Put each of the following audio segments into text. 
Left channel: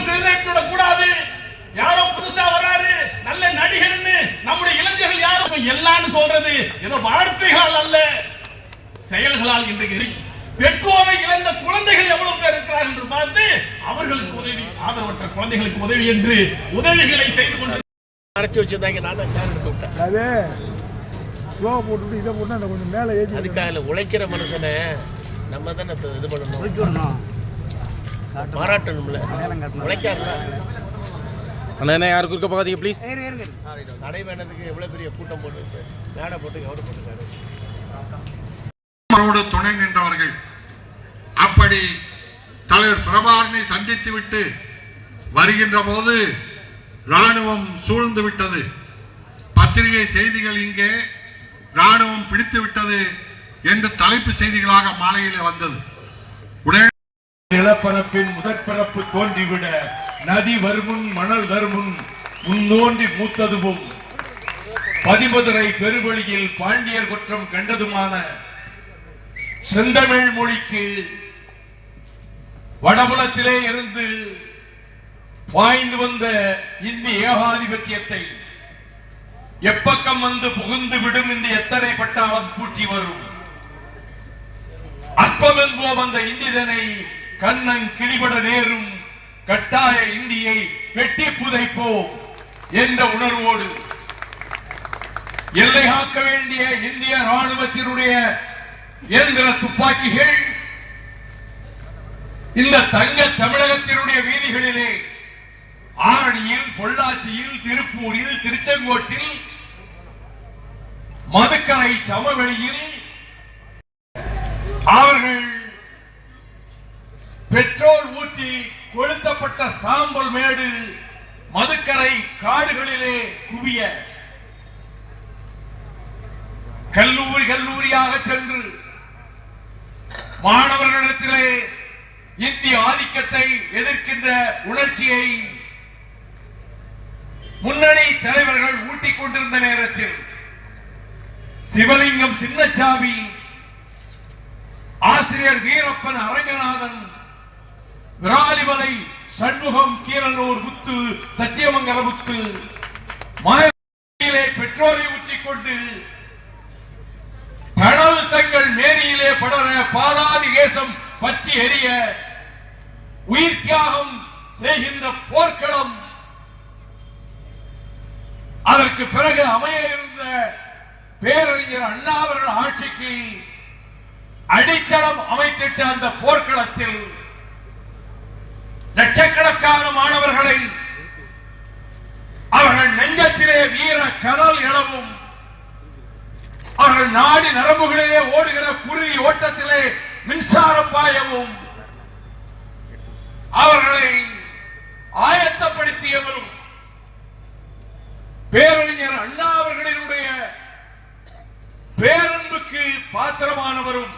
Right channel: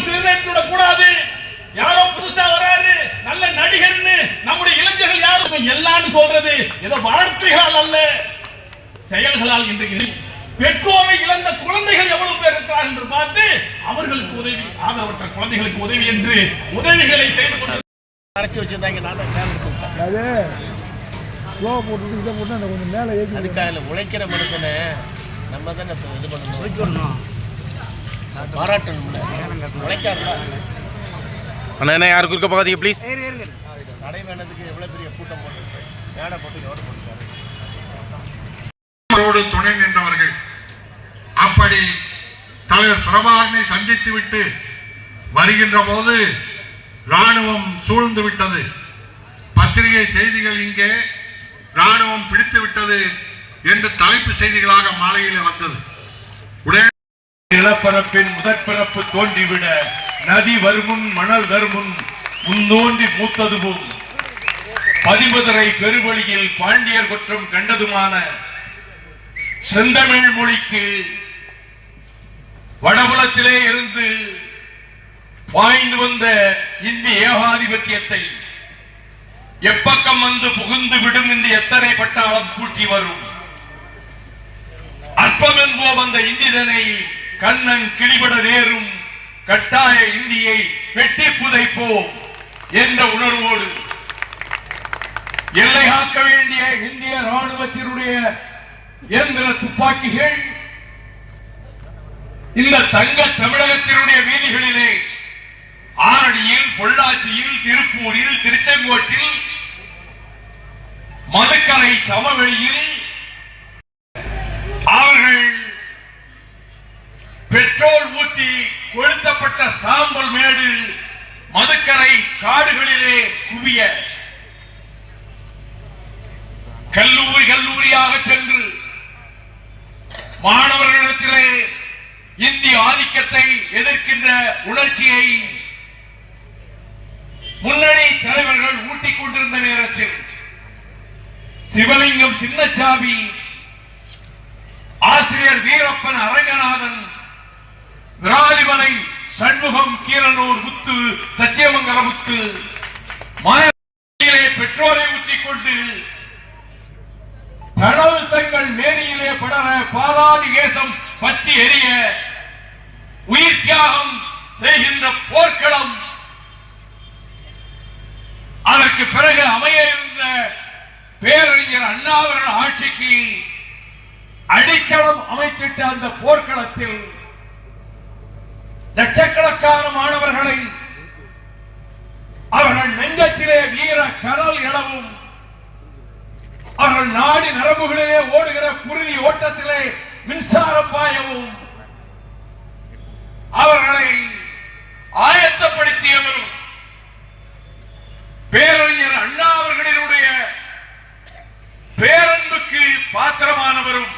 நாம் சீரழித்துவிடக் கூடாது. யாரோ புதுசா வராரு நல்ல நடிகர்னு நம்முடைய இளைஞர்கள் யாரும் எல்லாம் சொல்றது ஏதோ வார்த்தைகளால் அல்ல, செயல்களால். இன்றைக்கு பெற்றோரை இழந்த குழந்தைகள் எவ்வளவு பேர் இருக்கிறார் என்று பார்த்து அவர்களுக்கு உதவி, ஆதரவற்ற குழந்தைகளுக்கு உதவி என்று உதவிகளை செய்து கொண்டு அரைச்சி வச்சிருந்தாங்க. நான் தான் சார் கூப்பிட்டேன். அதுக்காக உழைக்கிற மனுஷனை நம்ம தானே இது பண்ணணும், பாராட்டணும்ல. உழைக்காருல அண்ணா யாருக்கு இருக்க பார்க்காதீங்க ப்ளீஸ். நடைபயணத்துக்கு எவ்வளவு பெரிய கூட்டம் போட்டு மேடை போட்டு எவ்வளவு போட்டுருக்காரு. துணை நின்றவர்கள் அப்படி தலைவர் பிரபாகரனை சந்தித்து விட்டு வருகின்ற போது ராணுவம் சூழ்ந்து விட்டது. பத்திரிகை செய்திகள் இங்கே ராணுவம் பிடித்து விட்டது என்று தலைப்பு செய்திகளாக மாலையில் வந்தது. உடனே நிலப்பரப்பின் முதற்பரப்பு தோன்றிவிட நதி வருமுன் மணல் வருமுன் முன்னோன்றி மூத்ததுவும் பதிமதுரை பெருவழியில் பாண்டியர் குற்றம் கண்டதுமான செந்தமிழ் மொழிக்கு வடபுலத்திலே இருந்து பாய்ந்து வந்த இந்திய ஏகாதிபத்தியத்தை எப்பக்கம் வந்து புகுந்து விடும் என்று எத்தனை பட்டாளம் கூட்டி வரும். அற்பம் என்போம் அந்த இந்திதனை கண்ணன் கிளிபட நேரும் கட்டாய இந்தியை வெட்டி புதைப்போம் என்ற உணர்வோடு எல்லை காக்க வேண்டிய இந்திய ராணுவத்தினுடைய இயந்திர துப்பாக்கிகள் இந்த தங்க தமிழகத்தினுடைய வீதிகளிலே ஆரணியில், பொள்ளாச்சியில், திருப்பூரில், திருச்செங்கோட்டில், மதுக்கரை சமவெளியில் அவர்கள் பெட்ரோல் ஊற்றி கொளுத்தப்பட்ட சாம்பல் மேடு மதுக்கரை காடுகளிலே குவிய கல்லூரியாக சென்று மாணவர்களிடத்திலே இந்திய ஆதிக்கத்தை எதிர்க்கின்ற உணர்ச்சியை முன்னணி தலைவர்கள் ஊட்டிக் கொண்டிருந்த நேரத்தில் சிவலிங்கம் சின்னச்சாமி, ஆசிரியர் வீரப்பன் அரங்கநாதன், விராலிமலை சண்முகம், கீரனூர் முத்து, சத்தியமங்கல முத்து மாயிலே பெட்ரோலை ஊற்றிக் கொண்டு கடல் தங்கள் மேனியிலே படர பாலாதி கேசம் பற்றி எரிய உயிர் தியாகம் செய்கின்ற போர்க்களம், அதற்கு பிறகு அமைய இருந்த பேரறிஞர் அண்ணாவர்கள் ஆட்சிக்கு அடித்தளம் அமைத்திட்ட அந்த போர்க்களத்தில் லட்சக்கணக்கான மாணவர்களை அவர்கள் நெஞ்சத்திலே வீர கடல் எழவும், அவர்கள் நாடி நரம்புகளிலே ஓடுகிற குருதி ஓட்டத்திலே மின்சாரம் பாயவும் அவர்களை ஆயத்தப்படுத்தியவரும் பேரறிஞர் அண்ணா அவர்களினுடைய பேரன்புக்கு பாத்திரமானவரும்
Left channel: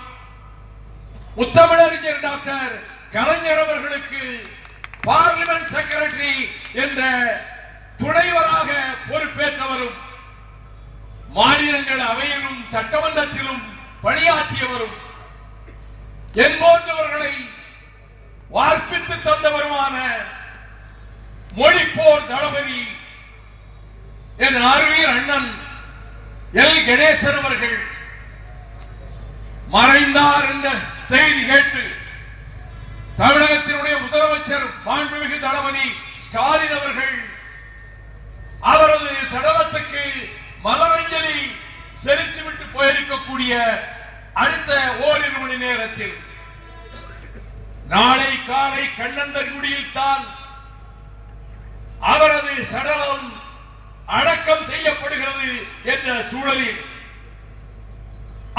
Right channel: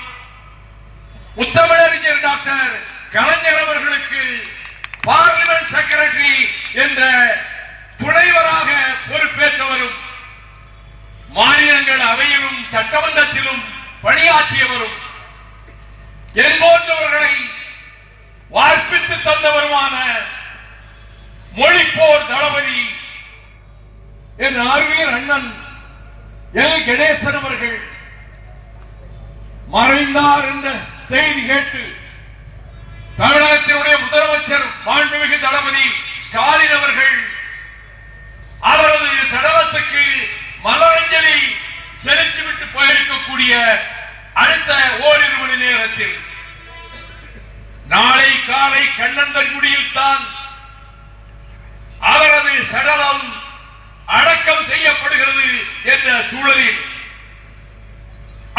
முத்தமிழறிஞர் டாக்டர் கலைஞர் அவர்களுக்கு பார்லிமெண்ட் செக்ரட்டரி என்ற துணைவராக பொறுப்பேற்றவரும், மாநிலங்கள் அவையிலும் சட்டமன்றத்திலும் பணியாற்றியவரும், என்போன்றவர்களை வார்ப்பித்து தந்தவருமான மொழிப்போர் தளபதி என் அறிவியல் அண்ணன் எல் கணேசன் அவர்கள் மறைந்தார் என்ற செய்தி கேட்டு தமிழகத்தினுடைய முதலமைச்சர் மாண்புமிகு தளபதி ஸ்டாலின் அவர்கள் அவரது சடலத்துக்கு மலரஞ்சலி செலுத்திவிட்டு போயிருக்கக்கூடிய அடுத்த ஓரிரு மணி நேரத்தில் நாளை காலை கண்ணந்தன்குடியில் தான் அவரது சடலம் அடக்கம் செய்யப்படுகிறது என்ற சூழலில்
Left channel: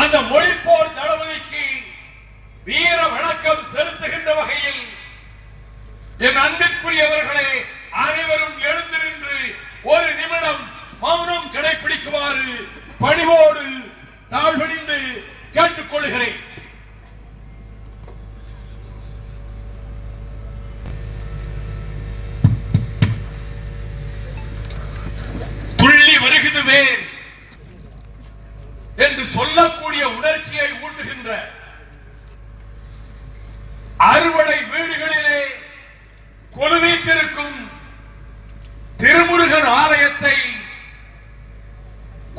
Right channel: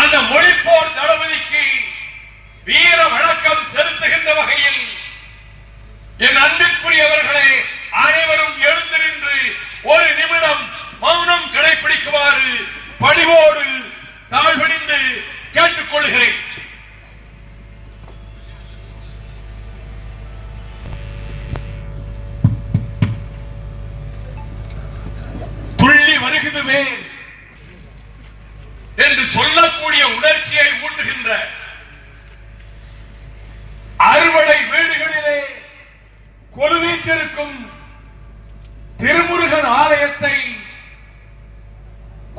அந்த மொழிப்போர் தளபதிக்கு வீர வணக்கம் செலுத்துகின்ற வகையில் என் அன்பிற்குரியவர்களே அனைவரும் எழுந்து நின்று ஒரு நிமிடம் மௌனம் கடைபிடிக்குமாறு பணிவோடு தாழ்வணிந்து கேட்டுக்கொள்கிறேன். துள்ளி வருகுதுவே என்று சொல்லக்கூடிய உணர்ச்சியை ஊட்டுகின்ற அறுவடை வீடுகளிலே கொலுவீற்றிருக்கும் திருமுருகன் ஆலயத்தை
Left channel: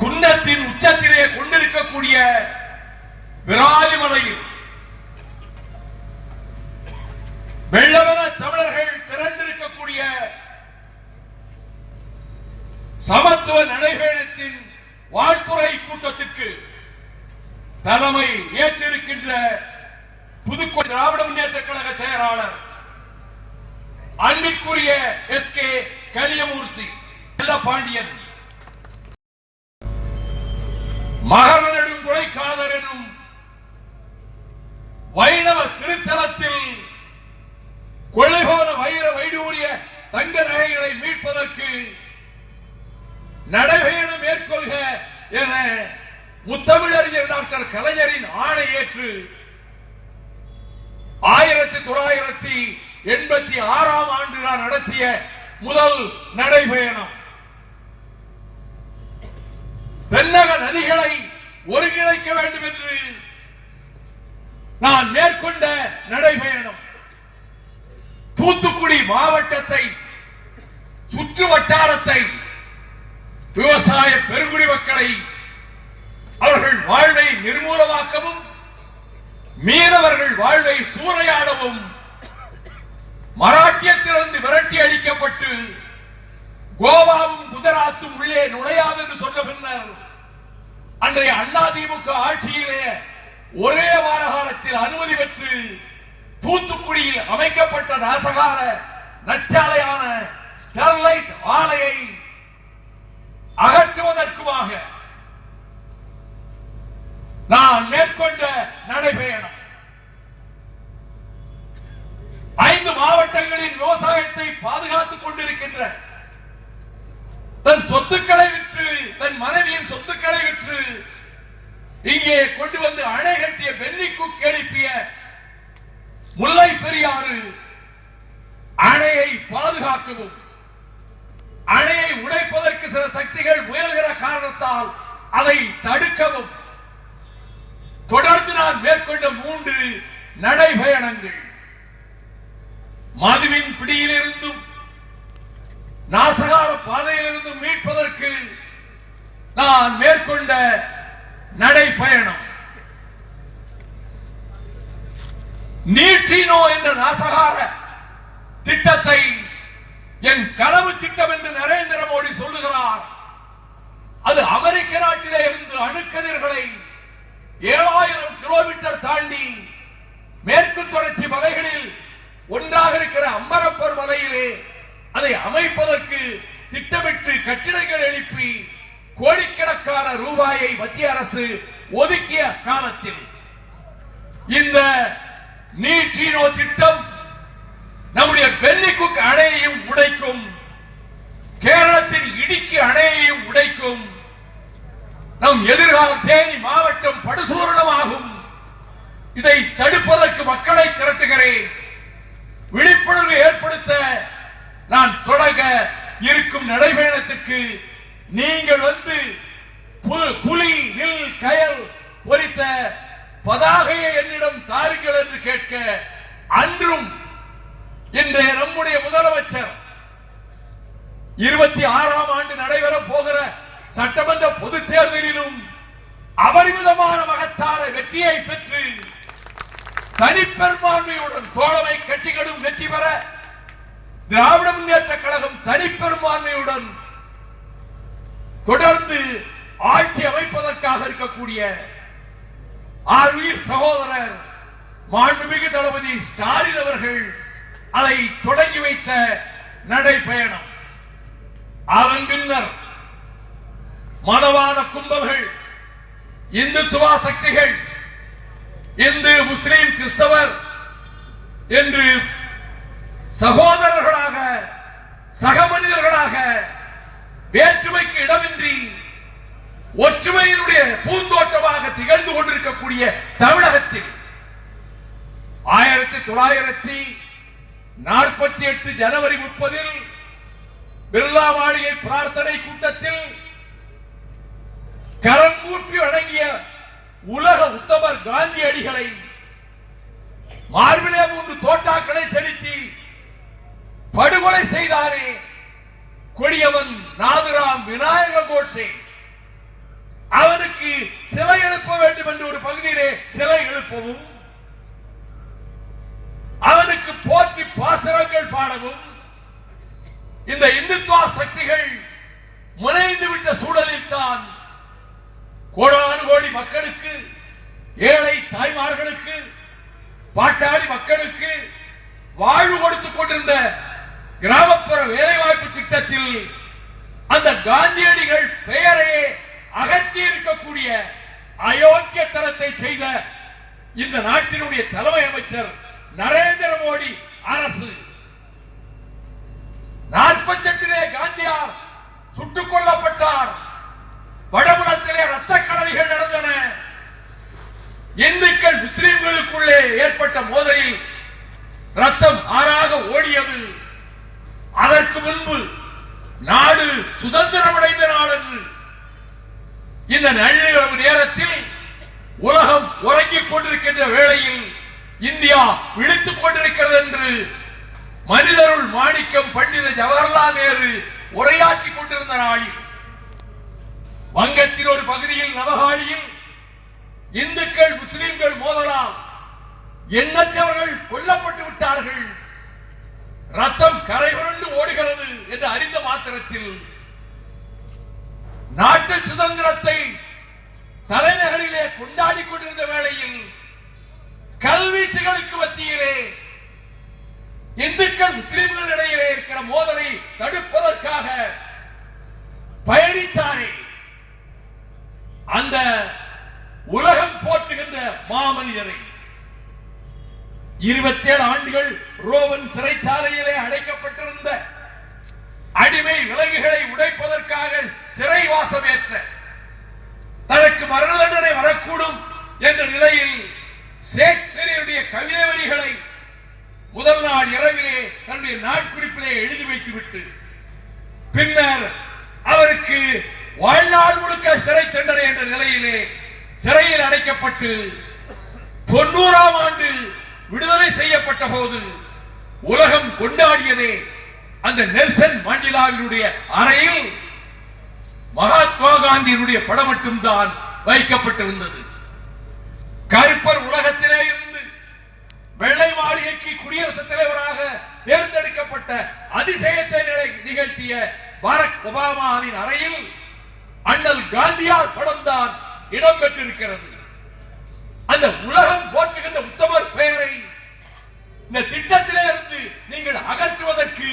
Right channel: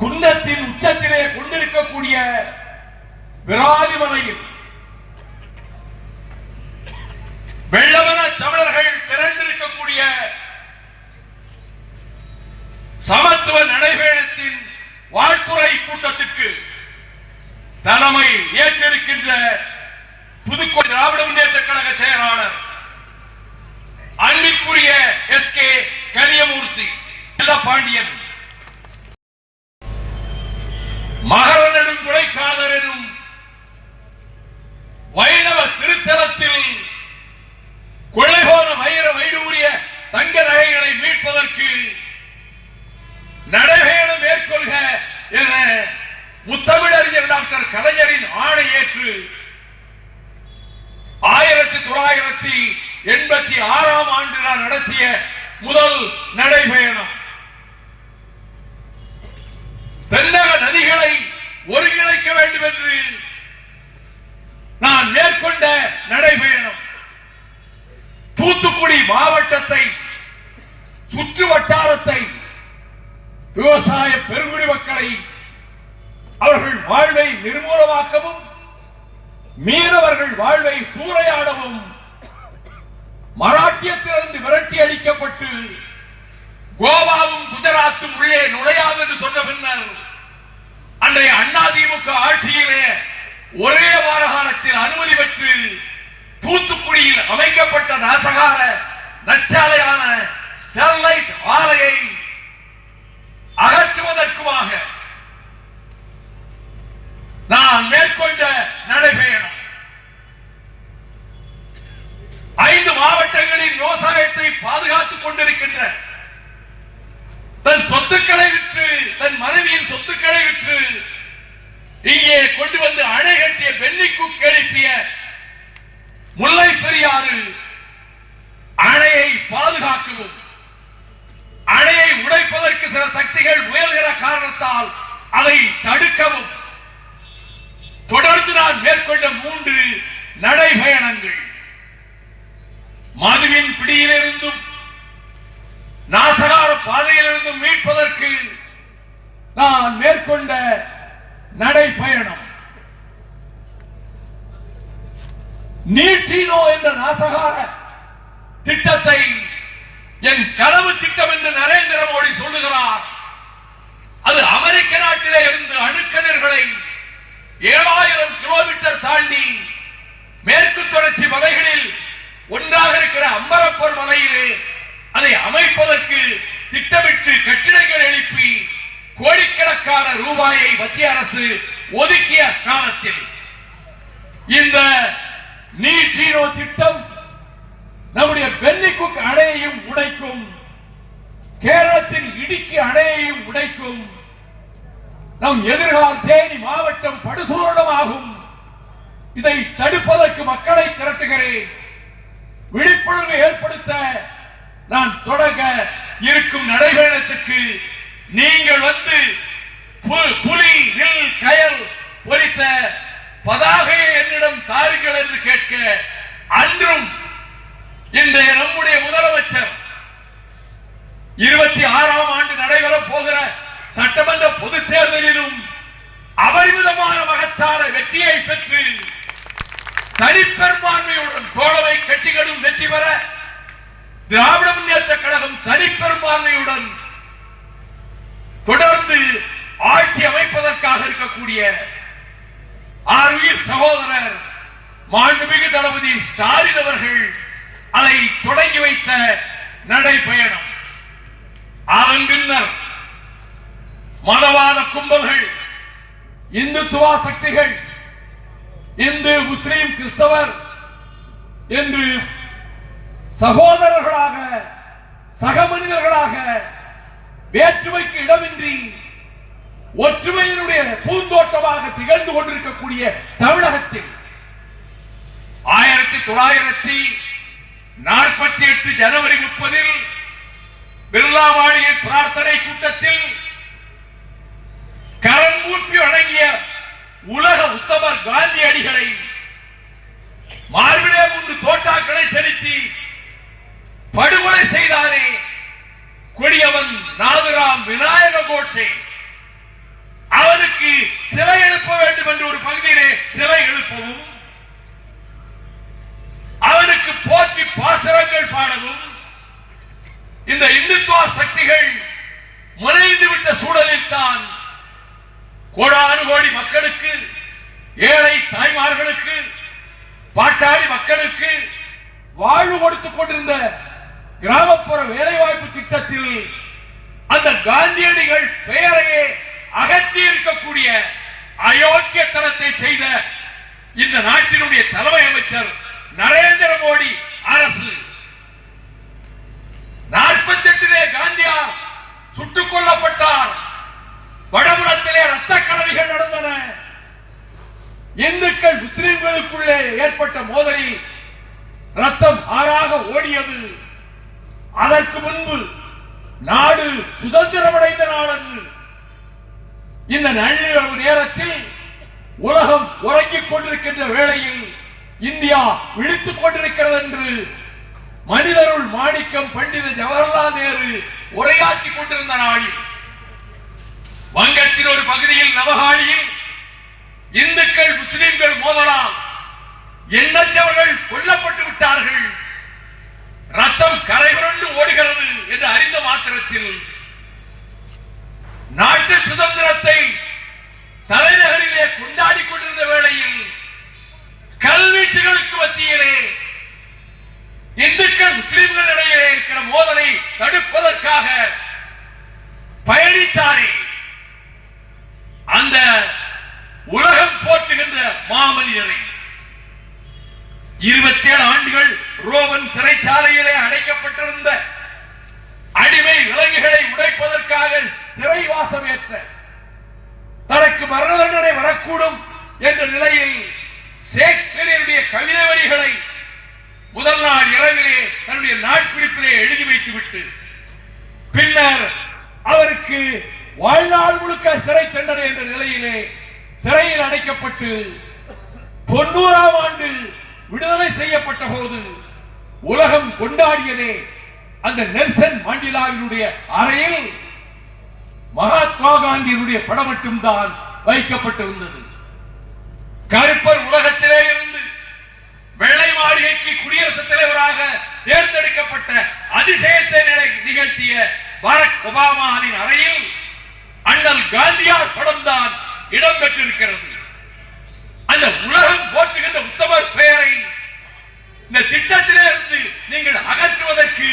குன்றத்தின் உச்சத்திலே கொண்டிருக்கக்கூடிய விராலிமலையில் வெள்ளவன தமிழர்கள் திரண்டிருக்கக்கூடிய சமத்துவ நடைபயணத்தின் வாழ்த்துறை கூட்டத்திற்கு தலைமை ஏற்றிருக்கின்ற புதுக்கோட்டை திராவிட முன்னேற்ற கழக செயலாளர் அன்பிற்குரிய SK கரியமூர்த்தி பாண்டியன், மகர நெடுங்குழைக்காதர் எனும் வைணவ திருத்தலத்தில் கொள்ளை போன வைர வைடூரிய தங்க நகைகளை மீட்பதற்கு நடைபயணம் மேற்கொள்க என முத்தமிழறிஞர் டாக்டர் கலைஞரின் ஆணை ஏற்று 1986ஆம் ஆண்டு நடத்திய முதல் நடைபயணம். தென்னக நதிகளை ஒருங்கிணைக்க வேண்டும் என்று நான் மேற்கொண்ட நடைபயணம். தூத்துக்குடி மாவட்டத்தை சுற்று வட்டாரத்தை விவசாய பெருங்குடி மக்களை அவர்கள் வாழ்வை நிர்மூலமாக்கவும் மீனவர்கள் வாழ்வை சூறையாடவும் மராட்டியத்திலிருந்து விரட்டி அடிக்கப்பட்டு கோவாவும் குஜராத்தும் உள்ளே நுழையாது என்று சொன்ன பின்னர் அன்றைய அதிமுக ஆட்சியிலே ஒரே வார காலத்தில் அனுமதி பெற்று தூத்துக்குடியில் அமைக்கப்பட்ட நாசகார நச்சாலையான ஸ்டெர்லைட் ஆலையை அகற்றுவதற்குமாக நான் மேற்கொண்ட நடைபயணம். 5 மாவட்டங்களின் விவசாயத்தை பாதுகாத்துக் கொண்டிருக்கின்ற தன் சொத்துக்களை விற்று தன் மனைவியின் சொத்துக்களை விற்று இங்கே கொண்டு வந்து அணை கட்டிய பென்னிக்குக் எழுப்பிய முல்லை பெரியாறு அணையை பாதுகாக்கவும் அணையை உடைப்பதற்கு சில சக்திகள் முயல்கிற காரணத்தால் அதை தடுக்கவும் தொடர்ந்து நான் மேற்கொண்ட 3 நடைபயணங்கள். மதுவின் பிடியிலிருந்தும் நாசகார பாதையிலிருந்தும் மீட்பதற்கு நான் மேற்கொண்ட நடைபயணம். நீட்டினோ என்ற நாசகார திட்டத்தை என் கனவு திட்டம் என்று நரேந்திர மோடி சொல்லுகிறார். அது அமெரிக்க நாட்டிலே இருந்து அணுக்கதிர்களை 7000 கிலோமீட்டர் தாண்டி மேற்கு தொடர்ச்சி மலைகளில் ஒன்றாக இருக்கிற அம்பரப்பர் மலையிலே அதை அமைப்பதற்கு திட்டமிட்டு கட்டிடங்கள் எழுப்பி கோடிக்கணக்கான ரூபாயை மத்திய அரசு ஒதுக்கிய காலத்தில் இந்த நீட்டினோ திட்டம் நம்முடைய பென்னிக்குக் அணையையும் உடைக்கும், கேரளத்தின் இடுக்கி அணையையும் உடைக்கும், நம் எதிர்கால தேனி மாவட்டம் படுசூரணமாகும். இதை தடுப்பதற்கு மக்களை திரட்டுகிறேன். விழிப்புணர்வு ஏற்படுத்த நான் தொடங்க இருக்கும் நடைபயணத்திற்கு நீங்கள் வந்து புலி வில் கயல் பொறித்த பதாகையை என்னிடம் தாருங்கள் என்று கேட்க அன்றும் இன்றைய நம்முடைய முதலமைச்சர் 26ஆம் ஆண்டு நடைபெறப் போகிற சட்டமன்ற பொதுத் தேர்தலிலும் அபரிமிதமான மகத்தான வெற்றியை பெற்று தனிப்பெரும்பான்மையுடன் தோழமை கட்சிகளும் வெற்றி பெற திராவிட முன்னேற்ற கழகம் தனிப்பெரும்பான்மையுடன் தொடர்ந்து ஆட்சி அமைப்பதற்காக இருக்கக்கூடிய ஆருயிர் சகோதரர் மாண்புமிகு தளபதி ஸ்டாலின் அவர்கள் அதை தொடங்கி வைத்த நடைபயணம். அதன் பின்னர் மதவாத கும்பல்கள், இந்துத்துவ சக்திகள், இந்து முஸ்லிம் கிறிஸ்தவர் என்று சகோதரர்களாக சக மனிதர்களாக வேற்றுமைக்கு இடமின்றி ஒற்றுமையினுடைய பூந்தோட்டமாக திகழ்ந்து கொண்டிருக்கக்கூடிய தமிழகத்தில் 1948 ஜனவரி 30 பிர்லா மாளிகை பிரார்த்தனை கூட்டத்தில் கரங்கூப்பி வழங்கிய உலக உத்தமர் காந்தியடிகளை மார்பிலே 3 தோட்டாக்களை செலுத்தி படுகொலை செய்தானே கொடியவன் நாதுராம் விநாயக கோட்சே, அவனுக்கு சிலை எழுப்ப வேண்டும் என்று ஒரு பகுதியிலே சிலை எழுப்பவும், அவனுக்கு போற்றி பாசரங்கள் பாடவும் இந்த இந்துத்துவ சக்திகள் முனைந்து விட்ட சூழலில் தான் கோடானு கோடி மக்களுக்கு, ஏழை தாய்மார்களுக்கு, பாட்டாளி மக்களுக்கு வாழ்வு கொடுத்துக் கொண்டிருந்த கிராமப்புற வேலைவாய்ப்பு திட்டத்தில் அந்த காந்தியடிகள் பெயரையே அகற்றி இருக்கக்கூடிய அயோக்கியத்தனத்தை செய்த இந்த நாட்டினுடைய தலைமை அமைச்சர் நரேந்திர மோடி அரசு 48 காந்தியார் சுட்டுக் கொல்லப்பட்டார். வடபுறத்திலே ரத்த கடல்கள் நடந்தன. இந்துக்கள் முஸ்லிம்களுக்குள்ளே ஏற்பட்ட மோதலில் ரத்தம் ஆறாக ஓடியது. அதற்கு முன்பு நாடு சுதந்திரமடைந்த நாடு. இந்த நள்ளிரவு நேரத்தில் உலகம் உறங்கிக் கொண்டிருக்கின்ற வேளையில் இந்தியா விழித்துக் கொண்டிருக்கிறது என்று மனிதருள் மாணிக்கம் பண்டித ஜவஹர்லால் நேரு உரையாற்றிக் கொண்டிருந்த நாளில் வங்கத்தின் ஒரு பகுதியில் நவகாளியில் இந்துக்கள் முஸ்லிம்கள் மோதலால் எண்ணற்றவர்கள் கொல்லப்பட்டு விட்டார்கள். ரத்தம் கரைபுரண்டு ஓடுகிறது என்று அறிந்த மாத்திரத்தில் நாட்டு சுதந்திரத்தை தலைநகரிலே கொண்டாடி கொண்டிருந்த வேளையில் கல்வீச்சுகளுக்கு மத்தியிலே இந்துக்கள் முஸ்லிம்கள் இடையிலே இருக்கிற மோதலை தடுப்பதற்காக பயணித்தாரே அந்த உலகம் போற்றுகின்ற மாமனிதரை 27 ஆண்டுகள் ரோமன் சிறைச்சாலையிலே அடைக்கப்பட்டிருந்த அடிமை விலங்குகளை உடைப்பதற்காக சிறைவாசம் ஏற்ற தனக்கு மரண தண்டனை வரக்கூடும் என்ற நிலையில் ஷேக்ஸ்பியருடைய கவிதை வரிகளை முதல் நாள் இரவிலே தன்னுடைய நாட்குறிப்பிலே எழுதி வைத்துவிட்டு பின்னர் அவருக்கு வாழ்நாள் முழுக்க சிறை தண்டனை என்ற நிலையிலே சிறையில் அடைக்கப்பட்டு 90ஆம் ஆண்டு விடுதலை செய்யப்பட்ட போது உலகம் கொண்டாடியதே அந்த நெல்சன் மண்டேலாவினுடைய அறையில் மகாத்மா காந்தியினுடைய படம் மட்டும்தான் வைக்கப்பட்டிருந்தது. கருப்பர் உலகத்திலே இருந்து வெள்ளை மாளிகைக்கு குடியரசுத் தலைவராக தேர்ந்தெடுக்கப்பட்ட அதிசயத்தை நிகழ்த்திய பராக் ஒபாமாவின் அறையில் அண்ணல் காந்தியார் படம் தான் இடம்பெற்றிருக்கிறது. அந்த உலகம் போற்றுகின்ற உத்தமர் பெயரை இந்த திட்டத்திலே இருந்து நீங்கள் அகற்றுவதற்கு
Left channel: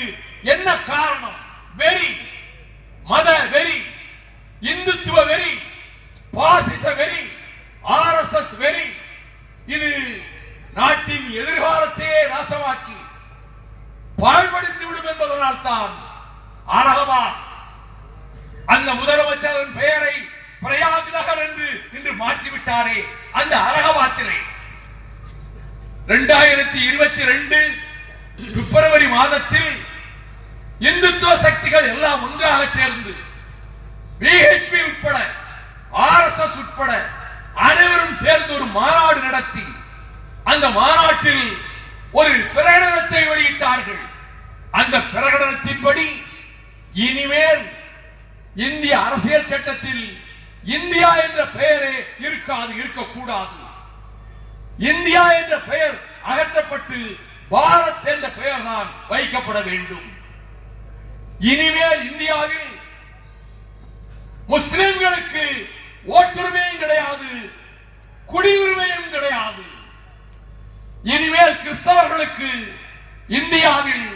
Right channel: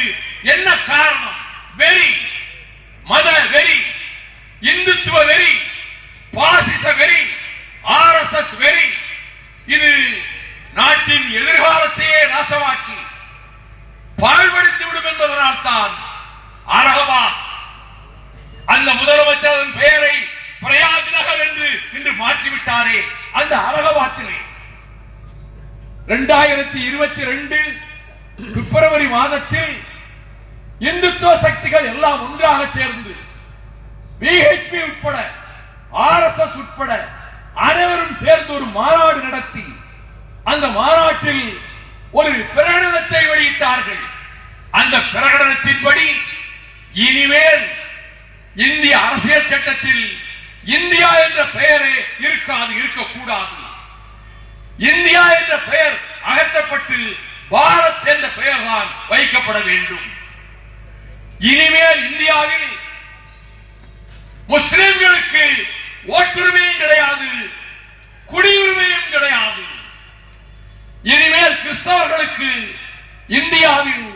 என்ன காரணம்? வெறி, மத வெறி, இந்துத்துவ வெறி, பாசிச வெறி, ஆர்எஸ்எஸ் வெறி. இது நாட்டின் எதிர்காலத்தையே நாசமாக்கி பாழ்படுத்தி விடும் என்பதனால் தான் அலகாபாத் அந்த முதலமைச்சரின் பெயரை பிரயாக் நகர் என்று இன்று மாற்றிவிட்டாரே. அந்த அலகாபாத்திலே 2022 பிப்ரவரி மாதத்தில் இந்துத்துவ சக்திகள் எல்லாம் ஒன்றாக சேர்ந்து பிஹெச்பி உட்பட ஆர்எஸ்எஸ் உட்பட அனைவரும் சேர்ந்து ஒரு மாநாடு நடத்தி அந்த மாநாட்டில் ஒரு பிரகடனத்தை வெளியிட்டார்கள். அந்த பிரகடனத்தின்படி இனிமேல் இந்திய அரசியல் சட்டத்தில் இந்தியா என்ற பெயரே இருக்காது, இருக்கக்கூடாது. இந்தியா என்ற பெயர் அகற்றப்பட்டு பாரத் என்ற பெயர் தான் வைக்கப்பட வேண்டும். இனிமேல் இந்தியாவில் முஸ்லிம்களுக்கு ஓட்டுரிமையும் கிடையாது, குடியுரிமையும் கிடையாது. இனிமேல் கிறிஸ்தவர்களுக்கு இந்தியாவில்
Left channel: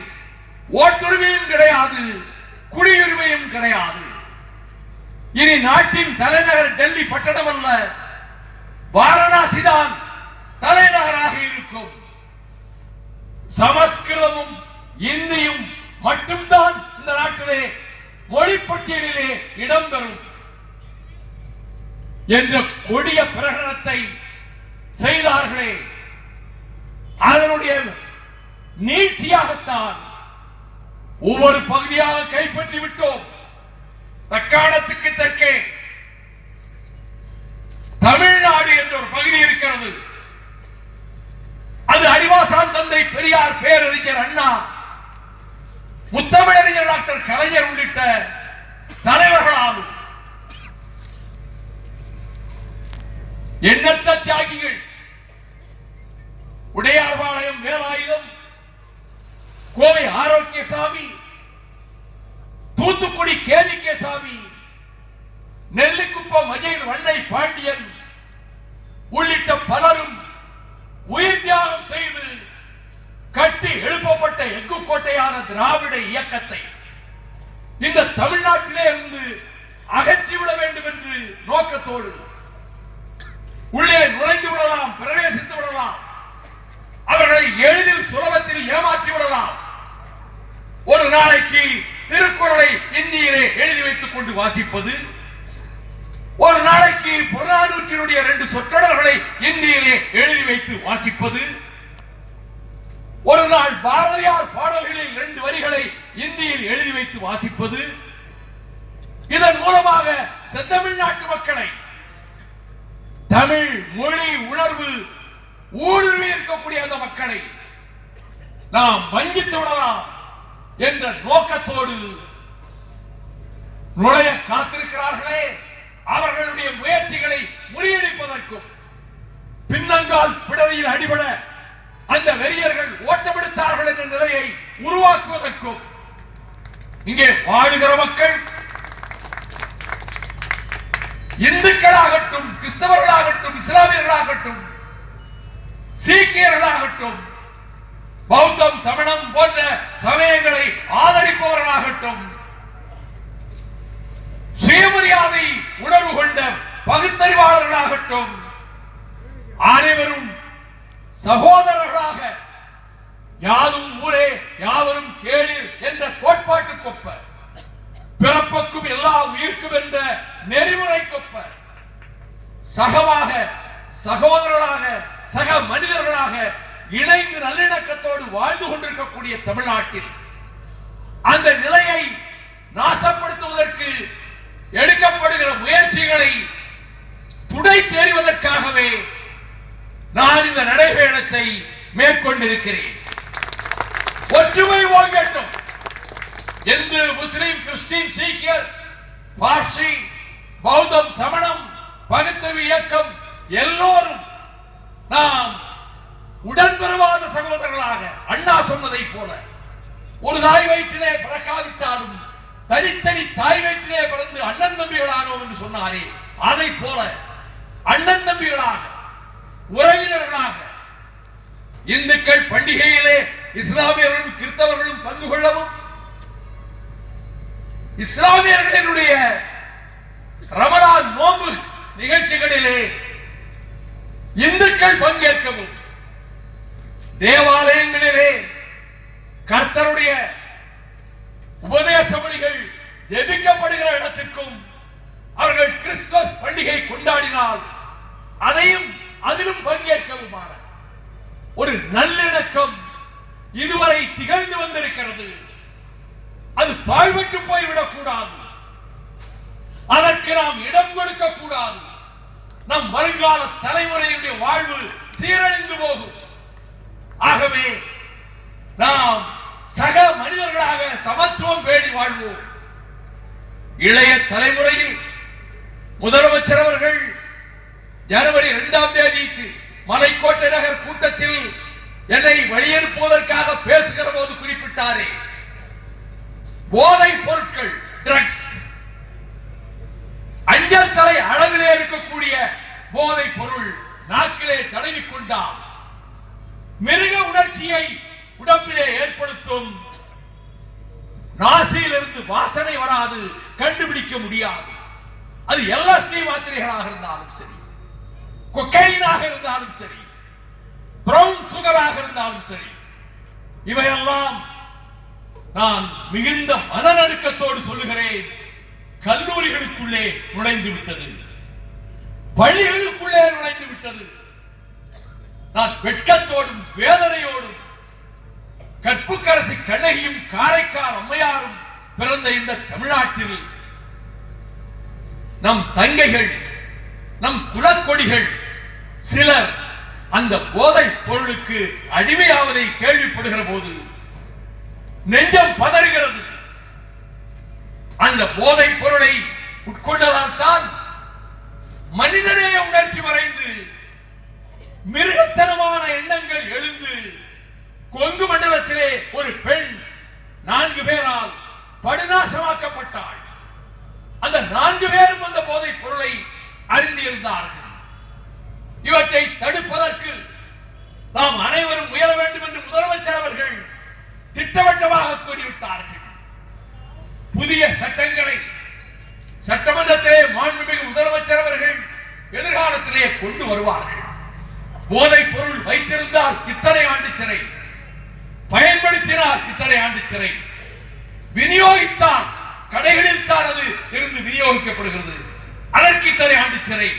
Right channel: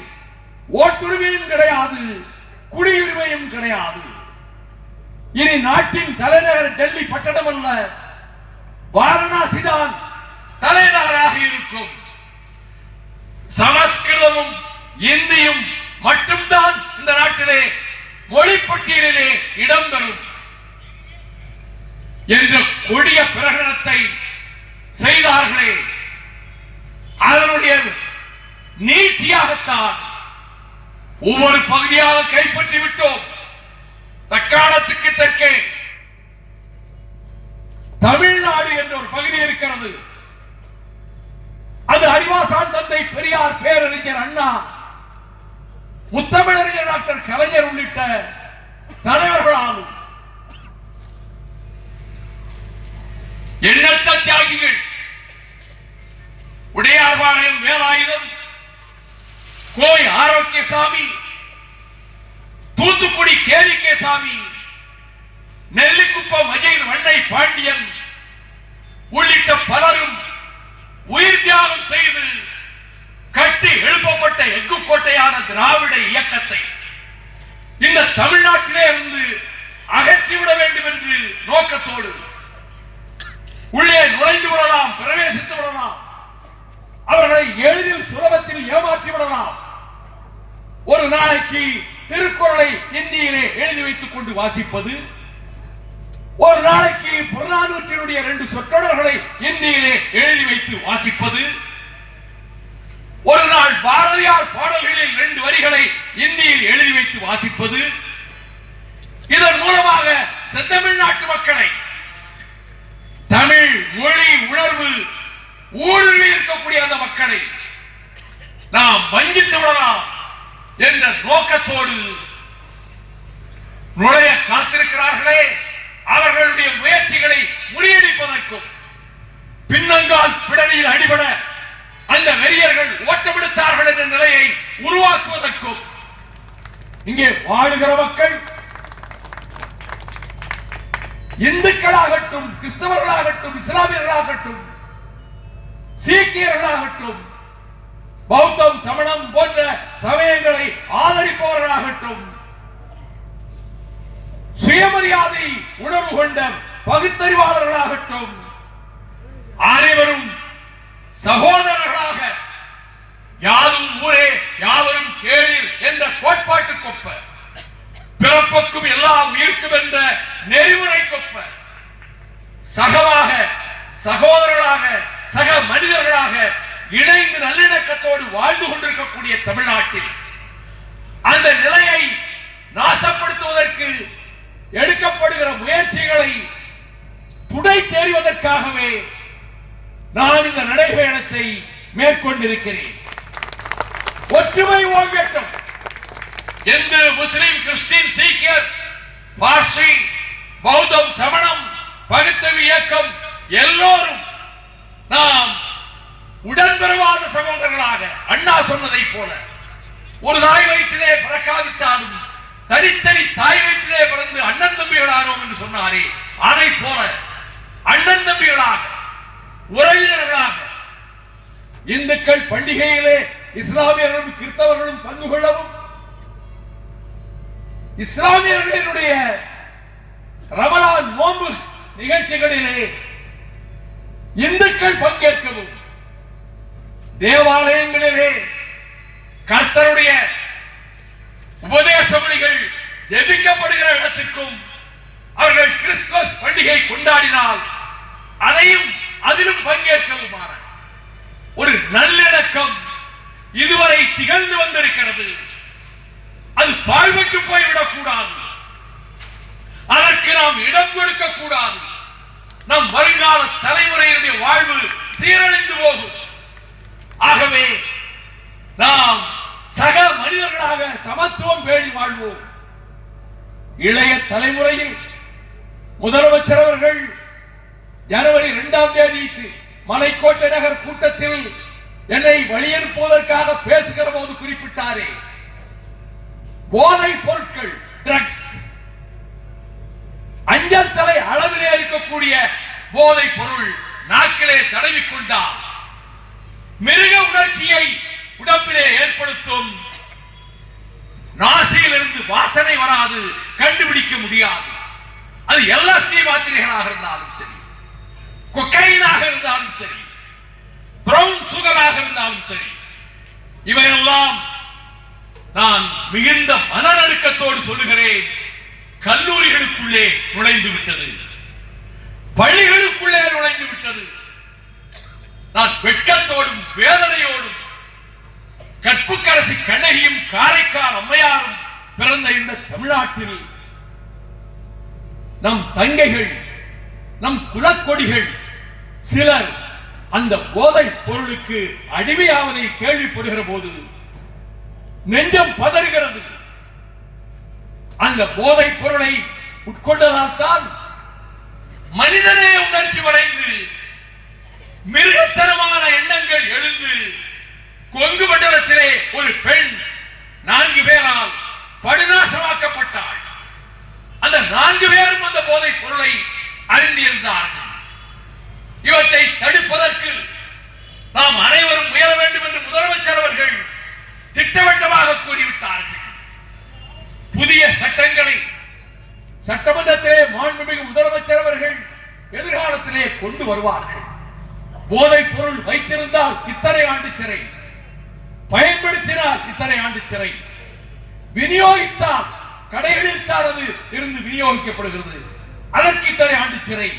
ஓட்டுரிமையும் கிடையாது, குடியுரிமையும் கிடையாது. இனி நாட்டின் தலைநகர் டெல்லி பட்டணம் அல்ல, வாரணாசி தான் தலைநகராக இருக்கும். சமஸ்கிருதமும் இந்தியும் மட்டும்தான் இந்த நாட்டிலே மொழி பட்டியலிலே இடம்பெறும் என்ற கொடிய பிரகடனத்தை செய்தார்களே, அதனுடைய நீட்சியாகத்தான் ஒவ்வொரு பகுதியாக கைப்பற்றி விட்டோம். தக்காணத்துக்கு தெற்கே தமிழ்நாடு என்ற ஒரு பகுதி இருக்கிறது. அது அறிவாசான் தந்தை பெரியார், பேரறிஞர் அண்ணா முத்தமிழறிஞர் டாக்டர் கலைஞர் உள்ளிட்ட தலைவர்களாலும் எண்ணற்ற தியாகிகள் உடையார்பாளையம் வேலாயுதம், கோவை ஆரோக்கியசாமி, தூத்துக்குடி கேவிகேசாமி, நெல்லிக்குப்பம் அஜய் வண்ணை பாண்டியன் உள்ளிட்ட பலரும் உயிர் தியாகம் செய்து கட்டி எழுப்பப்பட்ட எஃகு கோட்டையான திராவிட இயக்கத்தை இந்த தமிழ்நாட்டிலே இருந்து அகற்றிவிட வேண்டும் என்று நோக்கத்தோடு உள்ளே நுழைந்து விடலாம், பிரவேசித்து விடலாம், அவர்களை எளிதில் சுலபத்தில் ஏமாற்றி விடலாம். ஒரு நாளைக்கு திருக்குறளை இந்தியிலே எழுதி வைத்துக் கொண்டு வாசிப்பது, ஒரு நாளைக்கு புறநானூற்றினுடைய 2 சொற்றொடர்களை இந்தியிலே எழுதி வைத்து வாசிப்பது, ஒரு நாள் பாரதியார் பாடல்களில் 2 வரிகளை இந்தியில் எழுதி வைத்து வாசிப்பது, இதன் மூலமாக செந்தமிழ்நாட்டு மக்களை தமிழ் மொழி உணர்வு ஊடுருவி இருக்கக்கூடிய அந்த மக்களை நாம் வஞ்சித்து விடலாம் என்ற நோக்கத்தோடு நுழைய காத்திருக்கிறார்களே, அவர்களுடைய முயற்சிகளை முறியடிப்பதற்கும் பின்னங்கால் பிடரியில் அடிபட அந்த வெறியர்கள் ஓட்டமெடுத்தார்கள் என்ற நிலையை உருவாக்குவதற்கும் இங்கே வாழுகிற மக்கள் இந்துக்களாகட்டும், கிறிஸ்தவர்களாகட்டும், இஸ்லாமியர்களாகட்டும், சீக்கியர்களாகட்டும், பௌத்தம், சமணம் போன்ற சமயங்களை ஆதரிப்பவர்களாகட்டும், சுயமரியாதை உணர்வு கொண்ட பகுத்தறிவாளர்களாகட்டும், அனைவரும் சகோதரர்களாக யாரும் ஊரே யாவரும் கேளீர் என்ற கோட்பாட்டுக்கொப்ப, பிறப்புக்கும் எல்லா உயிர்க்கும் என்ற நெறிமுறைக்கொப்ப சகவாக, சகோதரர்களாக, சக மனிதர்களாக இணைந்து நல்லிணக்கத்தோடு வாழ்ந்து கொண்டிருக்கக்கூடிய தமிழ்நாட்டில் அந்த நிலையை நாசப்படுத்துவதற்கு எடுக்கப்படுகிற முயற்சிகளை துடை தேறுவதற்காகவே நான் இந்த நடைபயணத்தை மேற்கொண்டிருக்கிறேன். ஒற்றுமை ஓங்கட்டும். இந்து, முஸ்லிம், கிறிஸ்டின், சீக்கியர், பார்சி, பௌத்தம், சமணம், பகுத்தறிவு இயக்கம் எல்லோரும் நாம் உடன்பிறவாத சகோதரர்களாக அண்ணா சொன்னதை போல ஒரு தாய் வயிற்றிலே பிறக்காவிட்டாலும் தனித்தனி தாய் வயிற்றிலே பிறந்து அண்ணன் தம்பிகளானோம் என்று சொன்னாரே, அதை போல அண்ணன் தம்பிகளாக, உறவினர்களாக இந்துக்கள் பண்டிகையிலே இஸ்லாமியர்களும் கிறிஸ்தவர்களும் பங்கு கொள்ளவும், இஸ்லாமியர்களுடைய ரமலான் நோன்பு நிகழ்ச்சிகளிலே இந்துக்கள் பங்கேற்கவும், தேவாலயங்களிலே கர்த்தருடைய உபதேச மொழிகள் ஜெபிக்கப்படுகிற இடத்திற்கும் அவர்கள் கிறிஸ்துமஸ் பண்டிகை கொண்டாடினால் அதையும் அதிலும் பங்கேற்கவுமான ஒரு நல்லிணக்கம் இதுவரை திகழ்ந்து வந்திருக்கிறது. அது பாழ்பட்டு போய்விடக் கூடாது. அதற்கு நாம் இடம் கொடுக்க கூடாது. நம் வருங்கால தலைமுறையினுடைய வாழ்வு சீரழிந்து போகும். ஆகவே நாம் சக மனிதர்களாக சமத்துவம் பேணி வாழ்வோம். இளைய தலைமுறையில் முதலமைச்சர் அவர்கள் ஜனவரி 2ஆம் தேதிக்கு மலைக்கோட்டை நகர் கூட்டத்தில் என்னை வழியனுப்புவதற்காக பேசுகிற போது குறிப்பிட்டாரே, போதைப் பொருட்கள், ட்ரக்ஸ், அஞ்சல் தலை அளவிலே இருக்கக்கூடிய போதைப் பொருள் நாக்கிலே தடவிக்கொண்டால் மிருக உணர்ச்சியை உடம்பிலே ஏற்படுத்தும். நாசியிலிருந்து வாசனை வராது, கண்டுபிடிக்க முடியாது. அது எல்எஸ்டி மாத்திரைகளாக இருந்தாலும் சரி, கொக்கைனாக இருந்தாலும் சரி, பிரவுன் சுகராக இருந்தாலும் சரி, இவையெல்லாம் நான் மிகுந்த மனநடுக்கத்தோடு சொல்லுகிறேன், கல்லூரிகளுக்குள்ளே நுழைந்து விட்டது, பள்ளிகளுக்குள்ளே நுழைந்து விட்டது. நான் வெட்கத்தோடும் வேதனையோடும் கற்புக்கரசி கண்ணகியும் காரைக்கால் அம்மையாரும் பிறந்த இந்த தமிழ்நாட்டில் நம் தங்கைகள், நம் குலக்கொடிகள் சிலர் அந்த போதை பொருளுக்கு அடிமையாவதை கேள்விப்படுகிற போது நெஞ்சம் பதறுகிறது. அந்த போதைப் பொருளை உட்கொண்டதால் தான் மனிதநேய உணர்ச்சி வரைந்து மிருகத்தனமான எண்ணங்கள் எழுந்து கொங்கு மண்டலத்திலே ஒரு பெண் 4 பேரால் படுநாசமாக்கப்பட்டாள். அந்த 4 பேரும் அந்த போதைப் பொருளை அறிந்திருந்தார்கள். இவற்றை தடுப்பதற்கு நாம் அனைவரும் முயல வேண்டும் என்று முதலமைச்சர் அவர்கள் திட்டவட்டமாக கூறிவிட்டார்கள். புதிய சட்டங்களை சட்டமன்றத்திலே மாண்புமிகு முதலமைச்சர் அவர்கள் எதிர்காலத்திலே கொண்டு வருவார்கள். போதைப் பொருள் வைத்திருந்தால் இத்தனை ஆண்டு சிறை, பயன்படுத்தினால் இத்தனை ஆண்டு சிறை, விநியோகித்தால் கடைகளில் தான் அது இருந்து விநியோகிக்கப்படுகிறது, அதற்கு இத்தனை ஆண்டு சிறை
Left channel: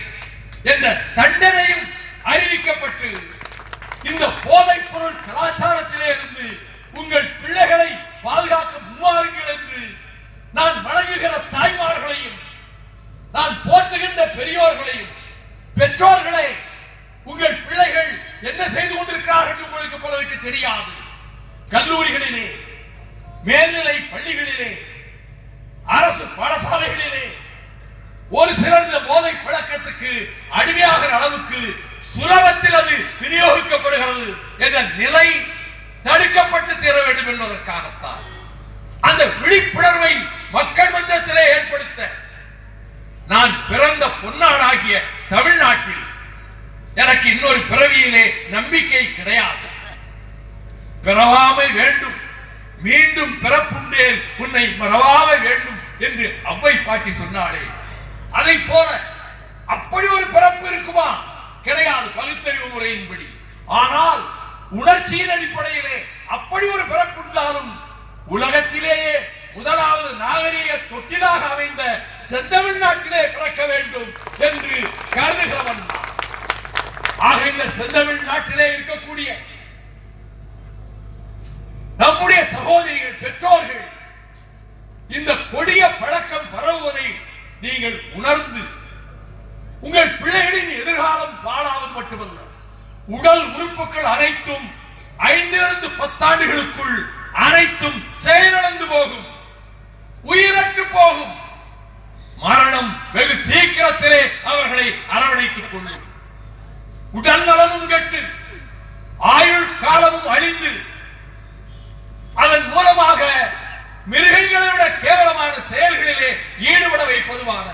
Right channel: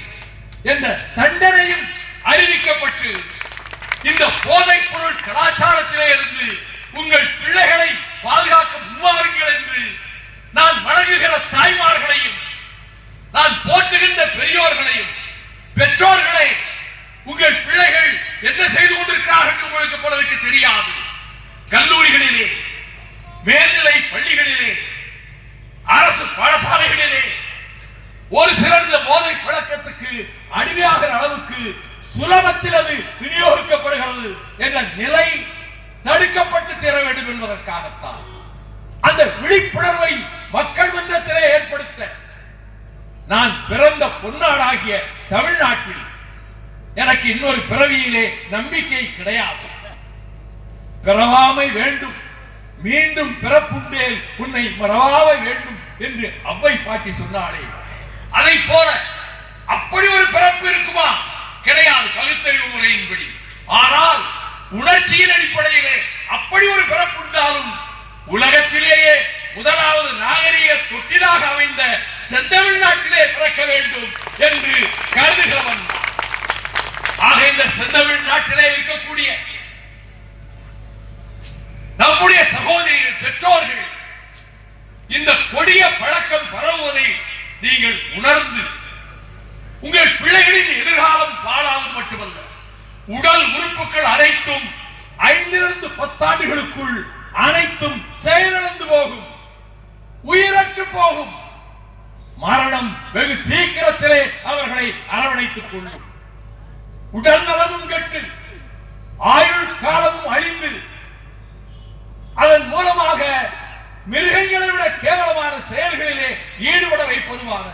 என்ற தண்டனையும் அறிவிக்கப்பட்டு இந்த போதைப் பொருள் கலாச்சாரத்திலே இருந்து உங்கள் பிள்ளைகளை பாதுகாக்க முன்வாருங்கள் என்று நான் வணங்குகிற தாய்மார்களையும் நான் போற்றுகின்ற பெரியோர்களையும், பெற்றோர்களே, உங்கள் பிள்ளைகள் என்ன செய்து கொண்டிருக்கிறார்கள் என்று உங்களுக்கு பலருக்கு தெரியாது. கல்லூரிகளிலே, மேல்நிலை பள்ளிகளிலே, அரசு பாடசாலைகளிலே ஒரு சிறந்த போதை பழக்கத்துக்கு அடிமையாகிற அளவுக்கு சுலபத்தில் அது விநியோகிக்கப்படுகிறது என்ற நிலை தடுக்கப்பட்டு தீர வேண்டும் என்பதற்காகத்தான் அந்த விழிப்புணர்வை மக்கள் மன்றத்திலே ஏற்படுத்த நான் பிறந்த பொன்னாடாகிய தமிழ்நாட்டில் எனக்கு இன்னொரு பிறவியிலே நம்பிக்கை கிடையாது. பிறவாமை வேண்டும், மீண்டும் பிறப்புண்டேன் உன்னை மறவாமை வேண்டும் என்று அவ்வை பாட்டி சொன்னாலே, அதை போல அப்படி ஒரு பிறப்பு இருக்குமா? கிடையாது பகுத்தறிவு முறையின்படி. ஆனால் உணர்ச்சியின் அடிப்படையிலே அப்படி ஒரு பிறப்பு இருந்தாலும் உலகத்திலேயே முதலாவது நாகரீக தொட்டிலாக அமைந்த செந்தமிழ்நாட்டிலே பிறக்க வேண்டும் என்று கருதுகிறவன். ஆக இந்த செந்தமிழ்நாட்டிலே இருக்கக்கூடிய நம்முடைய சகோதரிகள், பெற்றோர்கள் இந்த கொடிய பழக்கம் பரவுவதை நீங்கள் உணர்ந்து உங்கள் பிள்ளைகளின் எதிர்காலம் பாழாவது மட்டுமல்ல, உடல் உறுப்புகள் அனைத்தும் 5 to 10 ஆண்டுகளுக்குள் அனைத்தும் செயலிழந்து போகும், உயிரற்று போகும். மரணம் வெகு சீக்கிரத்திலே அவர்களை அரவணைத்துக் கொள்ளும். உடல் நலமும் கெட்டு ஆயுள் காலமும் அழிந்து அதன் மூலமாக மிருகங்களை விட கேவலமான செயல்களிலே ஈடுபட வைப்பதுமான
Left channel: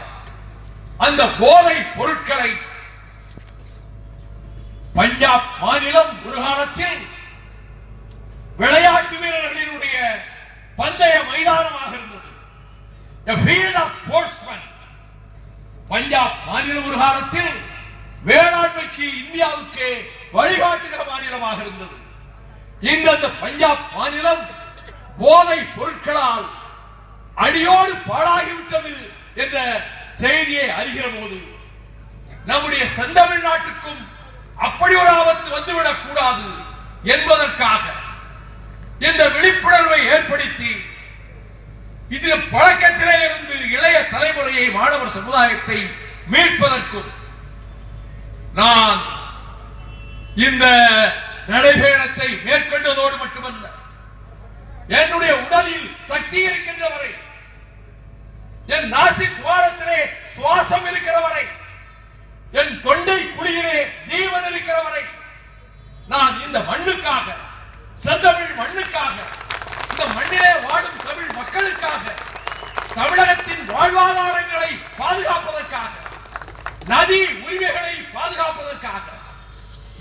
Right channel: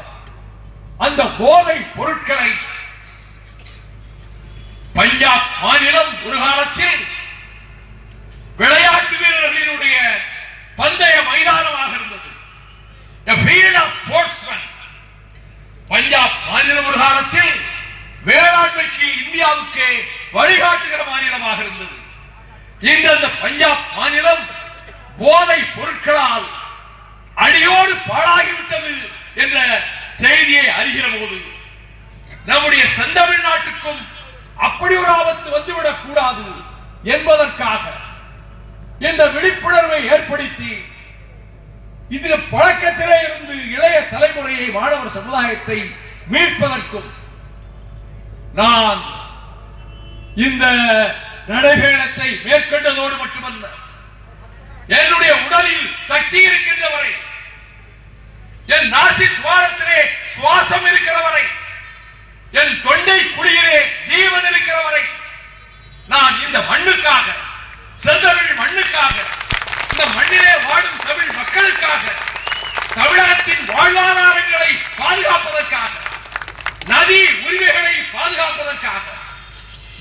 அந்த போதை பொருட்களை பஞ்சாப் மாநிலம் ஒரு காலத்தில் விளையாட்டு வீரர்களினுடைய பந்தய மைதானமாக இருந்தது. A field of sportsmen. Punjab மாநிலம் ஒரு காலத்தில் வேளாண்மைக்கு இந்தியாவுக்கு வழிகாட்டுகிற மாநிலமாக இருந்தது. இன்று அந்த பஞ்சாப் மாநிலம் போதை பொருட்களால் அடியோடு பாழாகிவிட்டது என்ற செய்தியை அறிகிற போது நம்முடைய செந்தமிழ்நாட்டுக்கும் அப்படி ஒரு ஆபத்து வந்துவிடக் கூடாது என்பதற்காக இந்த விழிப்புணர்வை ஏற்படுத்தி இது பழக்கத்திலே இருந்து இளைய தலைமுறையை, மாணவர் சமுதாயத்தை மீட்பதற்கும் நான் இந்த நடைபயணத்தை மேற்கொண்டதோடு மட்டுமல்ல, என்னுடைய உடலில் சக்தி இருக்கின்ற வரை, என் நாசி துவாரத்திலே சுவாசம் இருக்கிற வரை, என் தொண்டை குழியிலே ஜீவன் இருக்கிற வரை நான் இந்த மண்ணுக்காக, செந்தமிழ் மண்ணுக்காக, இந்த மண்ணிலே வாழும் தமிழ் மக்களுக்காக, தமிழகத்தின் வாழ்வாதாரங்களை பாதுகாப்பதற்காக, நதி உரிமைகளை பாதுகாப்பதற்காக,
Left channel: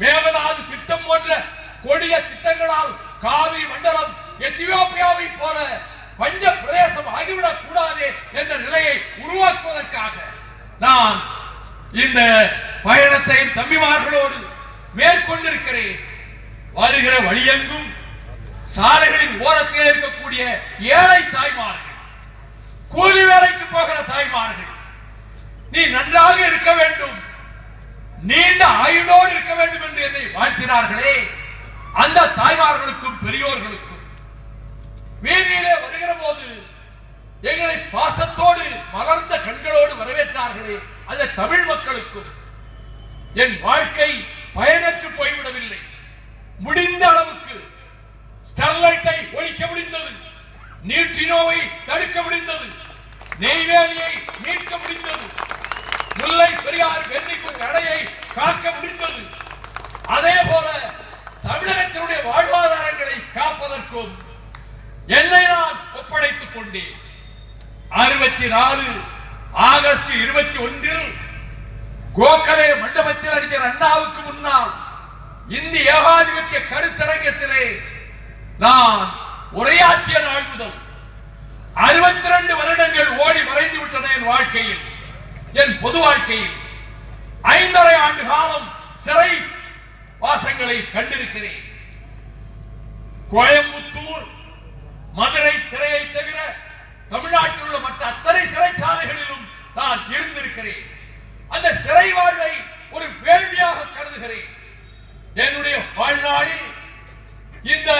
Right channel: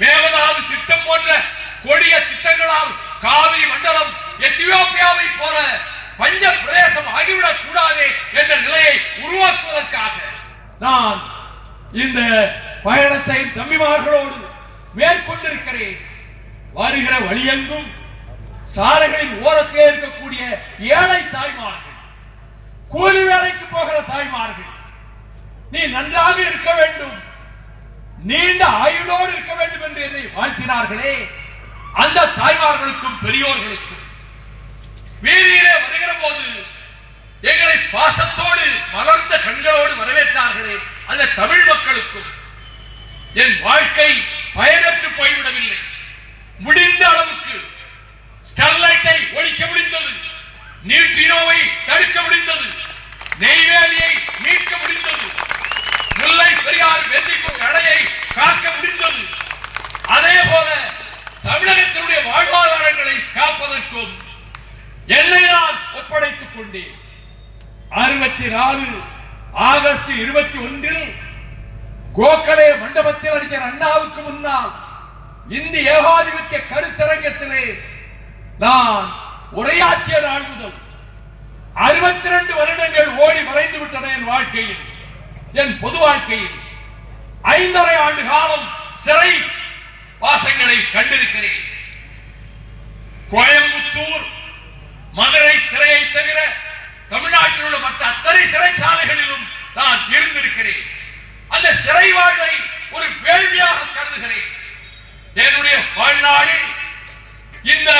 மேகதாது திட்டம் போன்ற கொடிய திட்டங்களால் காவிரி மண்டலம் எத்தியோப்பியாவை போல பஞ்ச பிரதேசம் ஆகிவிடக் கூடாது என்ற நிலையை உருவாக்குவதற்காக நான் இந்த பயணத்தை தம்பிமார்களோடு மேற்கொண்டிருக்கிறேன். வருகிற வழியெங்கும் சாலைகளின் ஓரத்திலே இருக்கக்கூடிய ஏழை தாய்மார்கள், கூலி வேலைக்கு போகிற தாய்மார்கள், நீ நன்றாக இருக்க வேண்டும், நீண்ட ஆயுளோடு இருக்க வேண்டும் என்று என்னை வாழ்த்தினார்களே, அந்த தாய்மார்களுக்கும் பெரியோர்களுக்கும் வீதியிலே வருகிற போது எங்களை பாசத்தோடு மலர்ந்த கண்களோடு வரவேற்றார்களே, அந்த தமிழ் மக்களுக்கும் என் வாழ்க்கை பயனற்று போய்விடவில்லை. முடிந்த அளவுக்கு ஸ்டெர்லைட்டை ஒழிக்க முடிந்தது, நியூட்ரினோவை தடுக்க முடிந்தது, நெய்வேலியை மீட்க முடிந்தது, முல்லை பெரியார் வெற்றிக்கும் அடையை காக்க முடிந்தது. அதே போல தமிழகத்தினுடைய வாழ்வாதாரங்களை காப்பதற்கும் என்னை நான் ஒப்படைத்துக் கொண்டேன். 64 ஆகஸ்ட் 21 கோகலே மண்டபத்தில் அறிஞர் அண்ணாவுக்கு முன்னால் இந்திய ஏகாதிபத்திய கருத்தரங்கத்திலே நான் உரையாற்றிய நாள் முதல் 62 வருடங்கள் ஓடி மறைந்து விட்டன. என் வாழ்க்கையில், என் பொது வாழ்க்கையில் 5½ ஆண்டு காலம் சிறை வாசங்களை கண்டிருக்கிறேன். கோயம்புத்தூர், மதுரை சிறையை தவிர தமிழ்நாட்டில் உள்ள மற்ற அத்தனை சிறைச்சாலைகளிலும் நான் இருந்திருக்கிறேன். அந்த சிறை வாழ்வை ஒரு வேள்வியாக கருதுகிறேன். என்னுடைய வாழ்நாளில் இந்த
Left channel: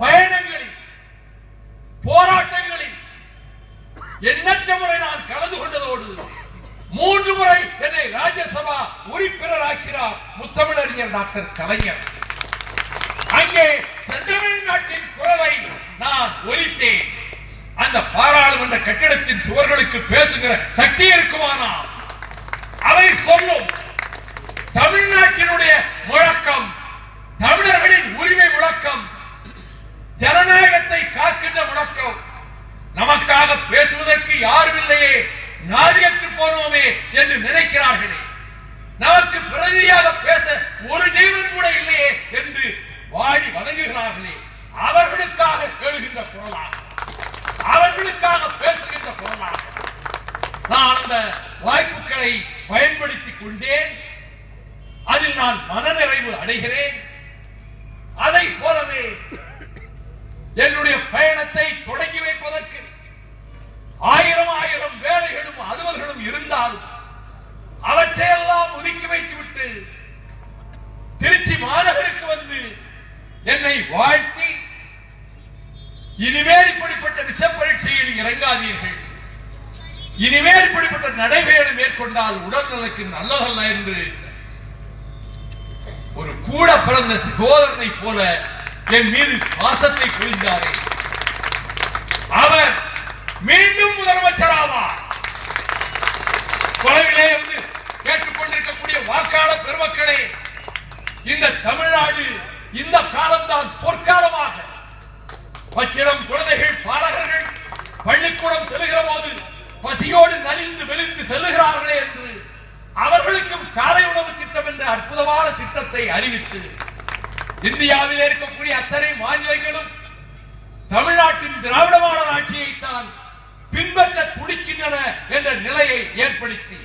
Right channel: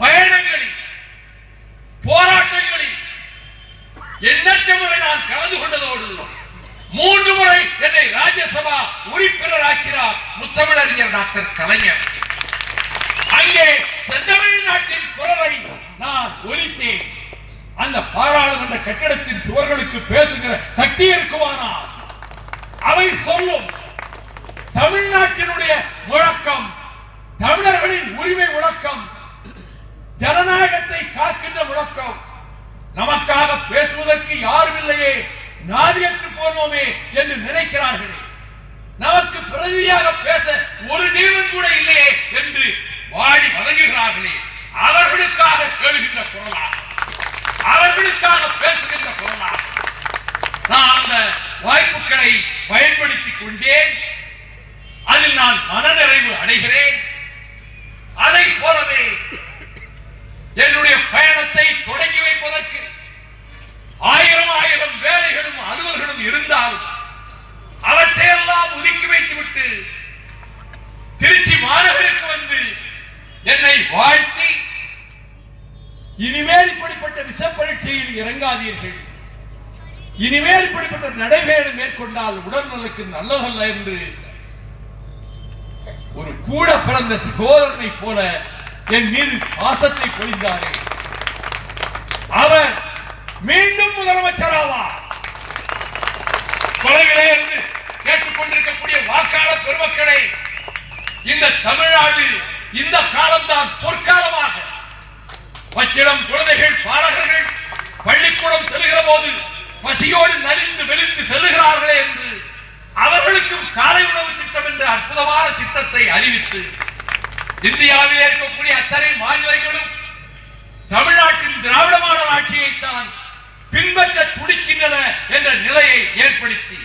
பயணங்களில், போராட்டங்களில் எண்ணற்ற முறை நான் கலந்து கொண்டதோடு 3 முறை என்னை ராஜ்யசபா உறுப்பினராக்கிறார் முத்தமிழறிஞர் டாக்டர் கலைஞர். அங்கே செந்தமிழ்நாட்டின் குரலை நான் ஒலித்தேன். அந்த பாராளுமன்ற கட்டிடத்தின் சுவர்களுக்கு பேசுகிற சக்தி இருக்குமானால் அவை சொல்லும் தமிழ்நாட்டினுடைய முழக்கம், தமிழர்களின் உரிமை முழக்கம், ஜனநாயகத்தை காக்கின்ற முழக்கம். நமக்காக பேசுவதற்கு யாரும் இல்லையே, நாதியற்று போனோமே என்று நினைக்கிறார்களே, நமக்கு பிரதியாக பேச ஒரு ஜீவன் கூட இல்லையே என்று வாடி வதங்குகிறார்களே, அவர்களுக்காக எழுகின்ற குரலாக, அவர்களுக்காக பேசுகின்ற குரலாக நான் அந்த வாய்ப்புகளை பயன்படுத்திக் கொண்டேன். அதில் நான் மனநிறைவு அடைகிறேன். அதை போலவே என்னுடைய பயணத்தை தொடங்கி வைப்பதற்கு 1000 வேலைகளும் அலுவல்களும் இருந்தாலும் அவற்றையெல்லாம் ஒதுக்கி வைத்துவிட்டு திருச்சி மாநகருக்கு வந்து என்னை வாழ்த்தி, இனிமேல் இப்படிப்பட்ட விஷ பரீட்சையில் இறங்காதீர்கள், இனிமேல் இப்படிப்பட்ட நடைபெற மேற்கொண்டால் உடல்நலக்கு நல்லதல்ல என்று ஒரு கூட பிறந்த சகோதரனை போல என் மீது பாசத்தை பொழிந்தாரே, அவர் மீண்டும் முதலமைச்சராவார். தொலைவிலே இருந்து கேட்டுக்கொண்டிருக்கக்கூடிய வாக்காளர் பெருமக்களே, இந்த தமிழ்நாடு இந்த காலம்தான் பொற்காலமாக. பச்சிளம் குழந்தைகள், பாலகர்கள் பள்ளிக்கூடம் செல்லுகிற போது பசியோடு நலிந்து மெலிந்து செல்லுகிறார்களே என்று அவர்களுக்கும் காலை உணவு திட்டம் என்ற அற்புதமான திட்டத்தை அறிவித்து இந்தியாவில் இருக்கக்கூடிய அத்தனை மாநிலங்களும் தமிழ்நாட்டின் திராவிட மாடல் ஆட்சியைத்தான் பின்பற்ற துடிக்கின்றன என்ற நிலையை ஏற்படுத்தி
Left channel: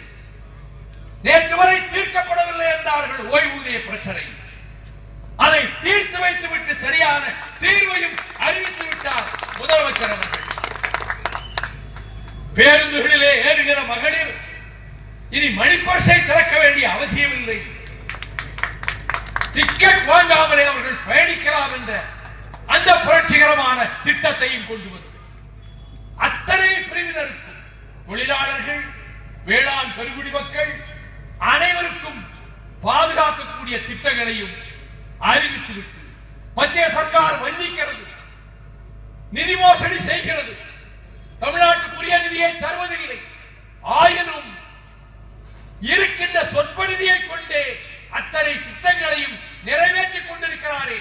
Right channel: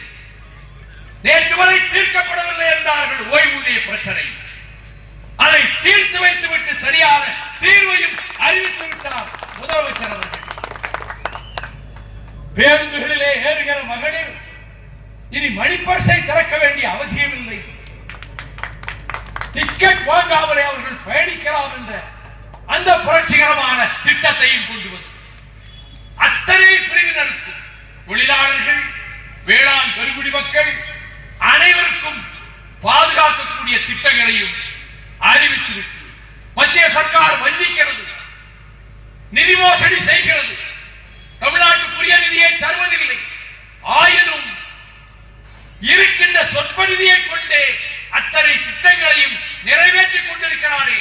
நேற்று வரை தீர்க்கப்படவில்லை என்றார்கள் ஓய்வூதிய பிரச்சனை. அதை தீர்த்து வைத்துவிட்டு சரியான தீர்வையும் அறிவித்து விட்டார் முதலமைச்சர் அவர்கள். பேருந்துகளிலே ஏறுகிற மகளிர் இனி மணிப்பர்சை திறக்க வேண்டிய அவசியம் இல்லை, டிக்கெட் வாங்காமலே அவர்கள் பயணிக்கலாம் என்ற அந்த புரட்சிகரமான திட்டத்தையும் கொண்டு வந்து அத்தனை பிரிவினருக்கு, தொழிலாளர்கள், வேளாண் பெருங்குடி மக்கள் அனைவருக்கும் பாதுகாக்கக்கூடிய திட்டங்களையும் அறிவித்துவிட்டு மத்திய சர்க்கார் வஞ்சிக்கிறது, நிதி மோசடி செய்கிறது, தமிழ்நாட்டுக்குரிய நிதியை தருவதில்லை, ஆயினும் இருக்கின்ற சொற்ப நிதியை கொண்டே அத்தனை திட்டங்களையும் நிறைவேற்றிக் கொண்டிருக்கிறாரே.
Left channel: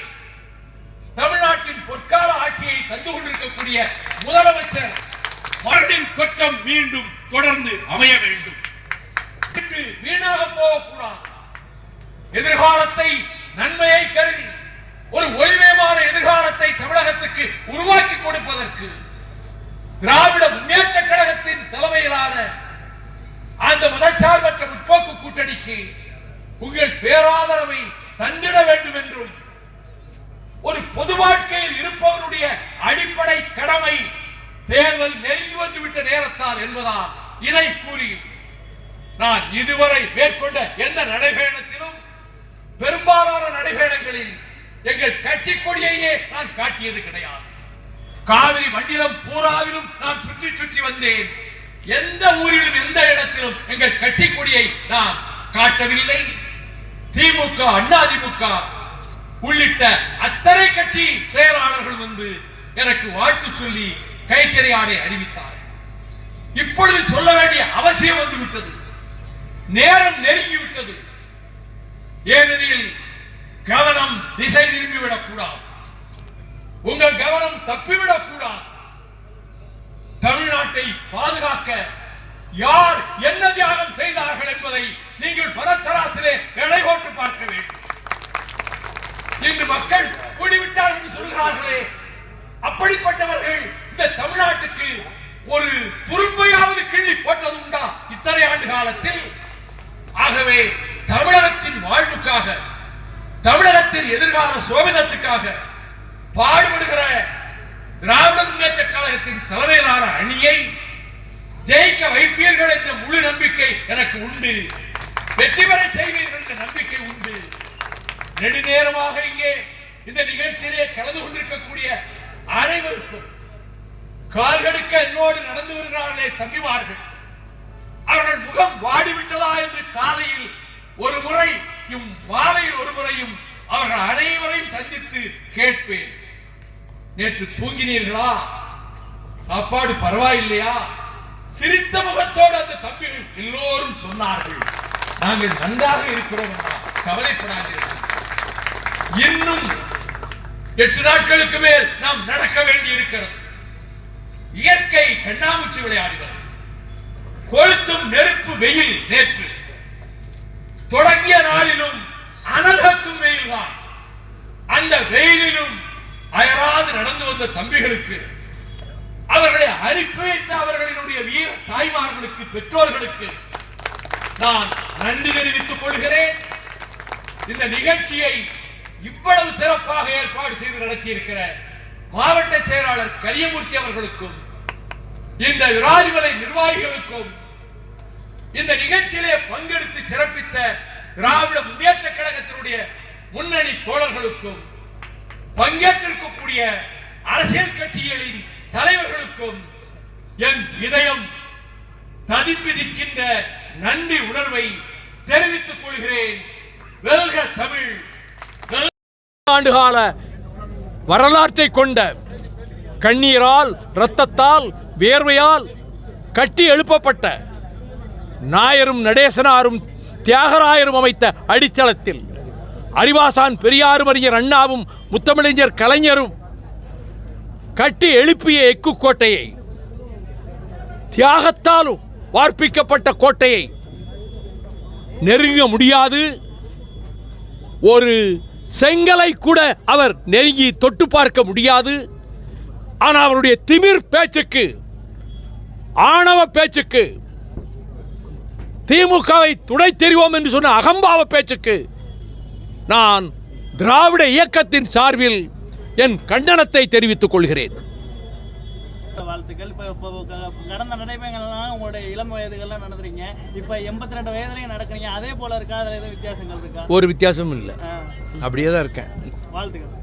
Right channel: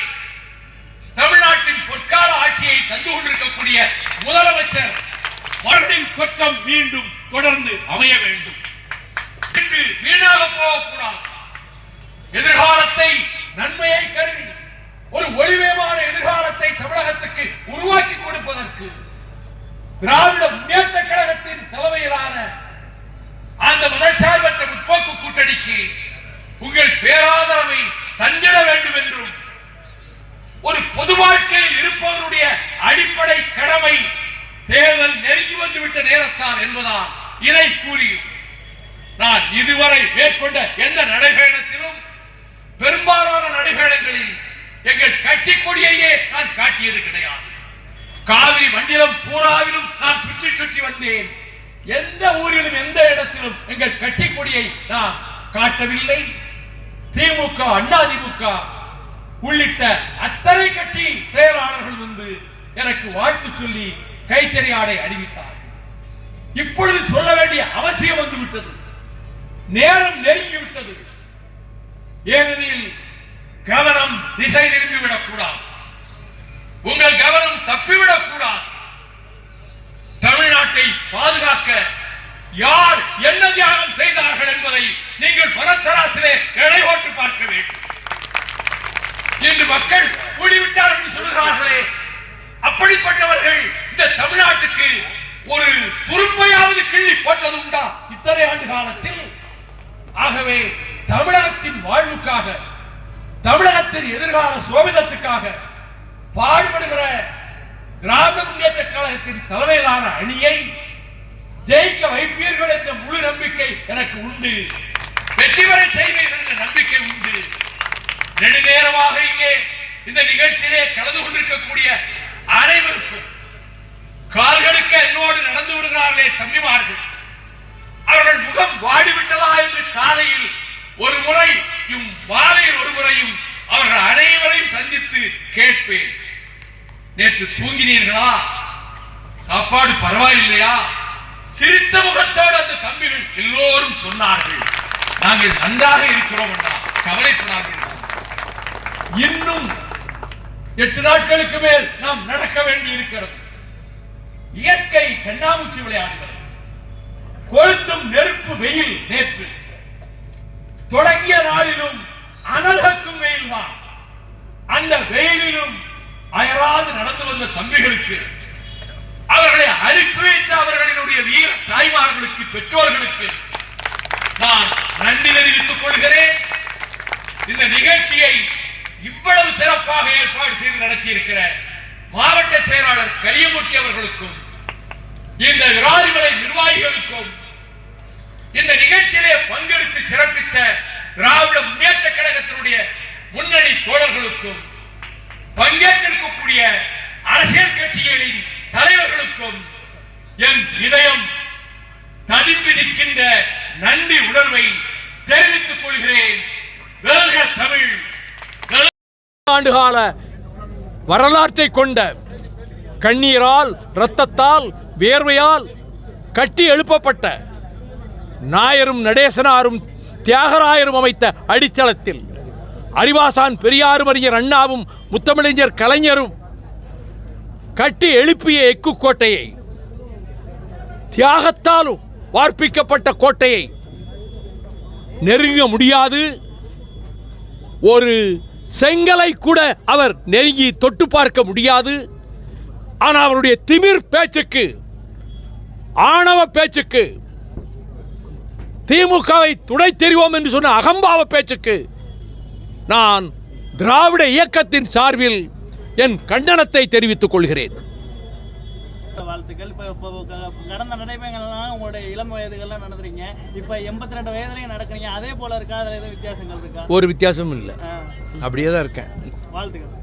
தமிழ்நாட்டின் பொற்கால ஆட்சியை தந்து கொண்டிருக்கக்கூடிய முதலமைச்சர் மறுபடியும் குற்றம் மீண்டும் தொடர்ந்து அமைய வேண்டும், வீணாக போகக்கூடாது. எதிர்காலத்தை நன்மையை கருதி ஒரு ஒளிமயமான எதிர்காலத்தை தமிழகத்துக்கு உருவாக்கி கொடுப்பதற்கு திராவிட முன்னேற்ற கழகத்தின் தலைமையிலான அந்த மதச்சார்பற்ற முற்போக்கு கூட்டணிக்கு உங்கள் பேராதரவை தந்திட வேண்டும் என்றும், ஒரு பொது வாழ்க்கையில் இருப்பவருடைய அடிப்படை கடமை தேர்தல் நெருங்கி வந்துவிட்ட நேரத்தால் என்பதால் இதை கூறியும் நான் இதுவரை மேற்கொண்ட எந்த நடைபயணத்திலும், பெரும்பாலான நடைபயணங்களில் எங்கள் கட்சி கொடியையே நான் காட்டியது கிடையாது. காவிரி மண்டலம் பூராவிலும் நான் சுற்றி சுற்றி வந்தேன். எந்த ஊரிலும் எந்த இடத்திலும் எங்கள் கட்சி கொடியை நான் காட்டவில்லை. திமுக, அதிமுக உள்ளிட்ட அத்தனை கட்சி செயலாளர்கள் வந்து எனக்கு வாழ்த்து சொல்லி கைத்தறி ஆடை அறிவித்தார். இப்பொழுது சொல்ல வேண்டிய அவசியம் வந்து விட்டது, நேரம் நெருங்கிவிட்டது. ஏனெனில் கவனம் திசை திரும்பிவிடக் கூடாது, உங்கள் கவனம் தப்பிவிடக் கூடாது. தமிழ்நாட்டை பாதுகாக்க யார் என்ன தியாகம் செய்தார்கள் என்பதை நீங்கள் பரத்தராசிலே எடை போட்டு பார்க்க வேண்டும். இன்று மக்கள் கூடிவிட்டார்கள் என்று சொல்கிறார்களே, அப்படிப்பட்டவர்கள் இந்த தமிழ்நாட்டுக்கு ஒரு துரும்பையாவது கிள்ளி போட்டது உண்டா இத்தனை ஆண்டு காலத்தில்? ஆகவே தமிழகத்தின் வாழ்வுக்காக, தமிழகத்தின் எதிர்கால சோபிதத்துக்காக பாடுபடுகிற திராவிட முன்னேற்ற கழகத்தின் தலைமையிலான அணியை ஜெயிக்க வைப்பீர்கள் என்ற முழு நம்பிக்கை எனக்கு உண்டு. வெற்றி பெற செய்வீர்கள் என்ற நம்பிக்கை உண்டு. நெடுநேரமாக இங்கே இந்த நிகழ்ச்சியிலே கலந்து கொண்டிருக்கக்கூடிய அனைவருக்கும் கால்களுக்கு என்னோடு நடந்து வருகிறார்களே தம்பிமார்கள், அவர்கள் முகம் வாடிவிட்டதா என்று காலையில் ஒரு முறையும் மாலையில் ஒரு முறையும் அவர்கள் அனைவரையும் சந்தித்து கேட்பேன். நேற்று தூங்கினீர்களா? சாப்பாடு பரவாயில்லையா? சிரித்த முகத்தோடு அந்த தம்பிகள் எல்லோரும் சொன்னார்கள், நாங்கள் நன்றாக இருக்கிறோம், கவலைப்படாதீர்கள். இன்னும் 8 நாட்களுக்கு மேல் நாம் நடக்க வேண்டி இருக்கிறது. இயற்கை கண்ணாமூச்சி விளையாடுகிறது. கொளுத்தும் நெருப்பு வெயில் நேற்று தொடங்கிய நாளிலும் அனல்கக்கும் வெயில் தான். அந்த வெயிலிலும் அயராது நடந்து வந்த தம்பிகளுக்கு, அவர்களை அனுப்பி வைத்த அவர்களினுடைய வீர தாய்மார்களுக்கு, பெற்றோர்களுக்கு நான் நன்றி தெரிவித்துக் கொள்கிறேன். இந்த நிகழ்ச்சியை இவ்வளவு சிறப்பாக ஏற்பாடு செய்து நடத்தியிருக்கிற மாவட்ட செயலாளர் கலியமூர்த்தி அவர்களுக்கும், இந்த விராலிமலை நிர்வாகிகளுக்கும், இந்த நிகழ்ச்சியிலே பங்கெடுத்து சிறப்பித்த திராவிட முன்னேற்ற கழகத்தினுடைய முன்னணி தோழர்களுக்கும், பங்கேற்றிருக்கக்கூடிய அரசியல் கட்சிகளின் தலைவர்களுக்கும் என் இதயம் ததும்பி நிற்கின்ற நன்றி உணர்வை தெரிவித்துக் கொள்கிறேன். வெல்க தமிழ்! ஆண்டுகால வரலாற்றை கொண்ட, கண்ணீரால், இரத்தத்தால், வேர்வையால் கட்டி எழுப்பப்பட்ட நாயரும் நடேசனாரும் தியாகராயரும் அமைத்த அடித்தளத்தில் அறிவாசான் பெரியாரும் அறிஞர் அண்ணாவும் முத்தமிழறிஞர் கலைஞரும் கட்டி எழுப்பிய எக்கு கோட்டையை, தியாகத்தாலும் வார்ப்பிக்கப்பட்ட கோட்டையை நெருங்க முடியாது. ஒரு செங்கலை கூட அவர் நெருங்கி தொட்டு பார்க்க முடியாது. ஆனால் அவருடைய திமிர் பேச்சுக்கு, ஆணவ பேச்சுக்கு, திமுகவை துடை தெரிவோம் என்று சொன்ன அகம்பாவ பேச்சுக்கு நான் திராவிட இயக்கத்தின் சார்பில் என் கண்டனத்தை தெரிவித்துக் கொள்கிறேன். வாழ்த்துக்கள். இப்போ கடந்த நடைமுறைகள்லாம் உங்களுடைய இளம் வயதுகள்லாம் நடந்துறீங்க, இப்போ 82 வயதுலையும் நடக்கிறீங்க, அதே போல இருக்கா? அதில் எதுவும் வித்தியாசங்கள் இருக்கா? ஒரு வித்தியாசமும் இல்லை, அப்படியே தான் இருக்கேன். வாழ்த்துக்கள்.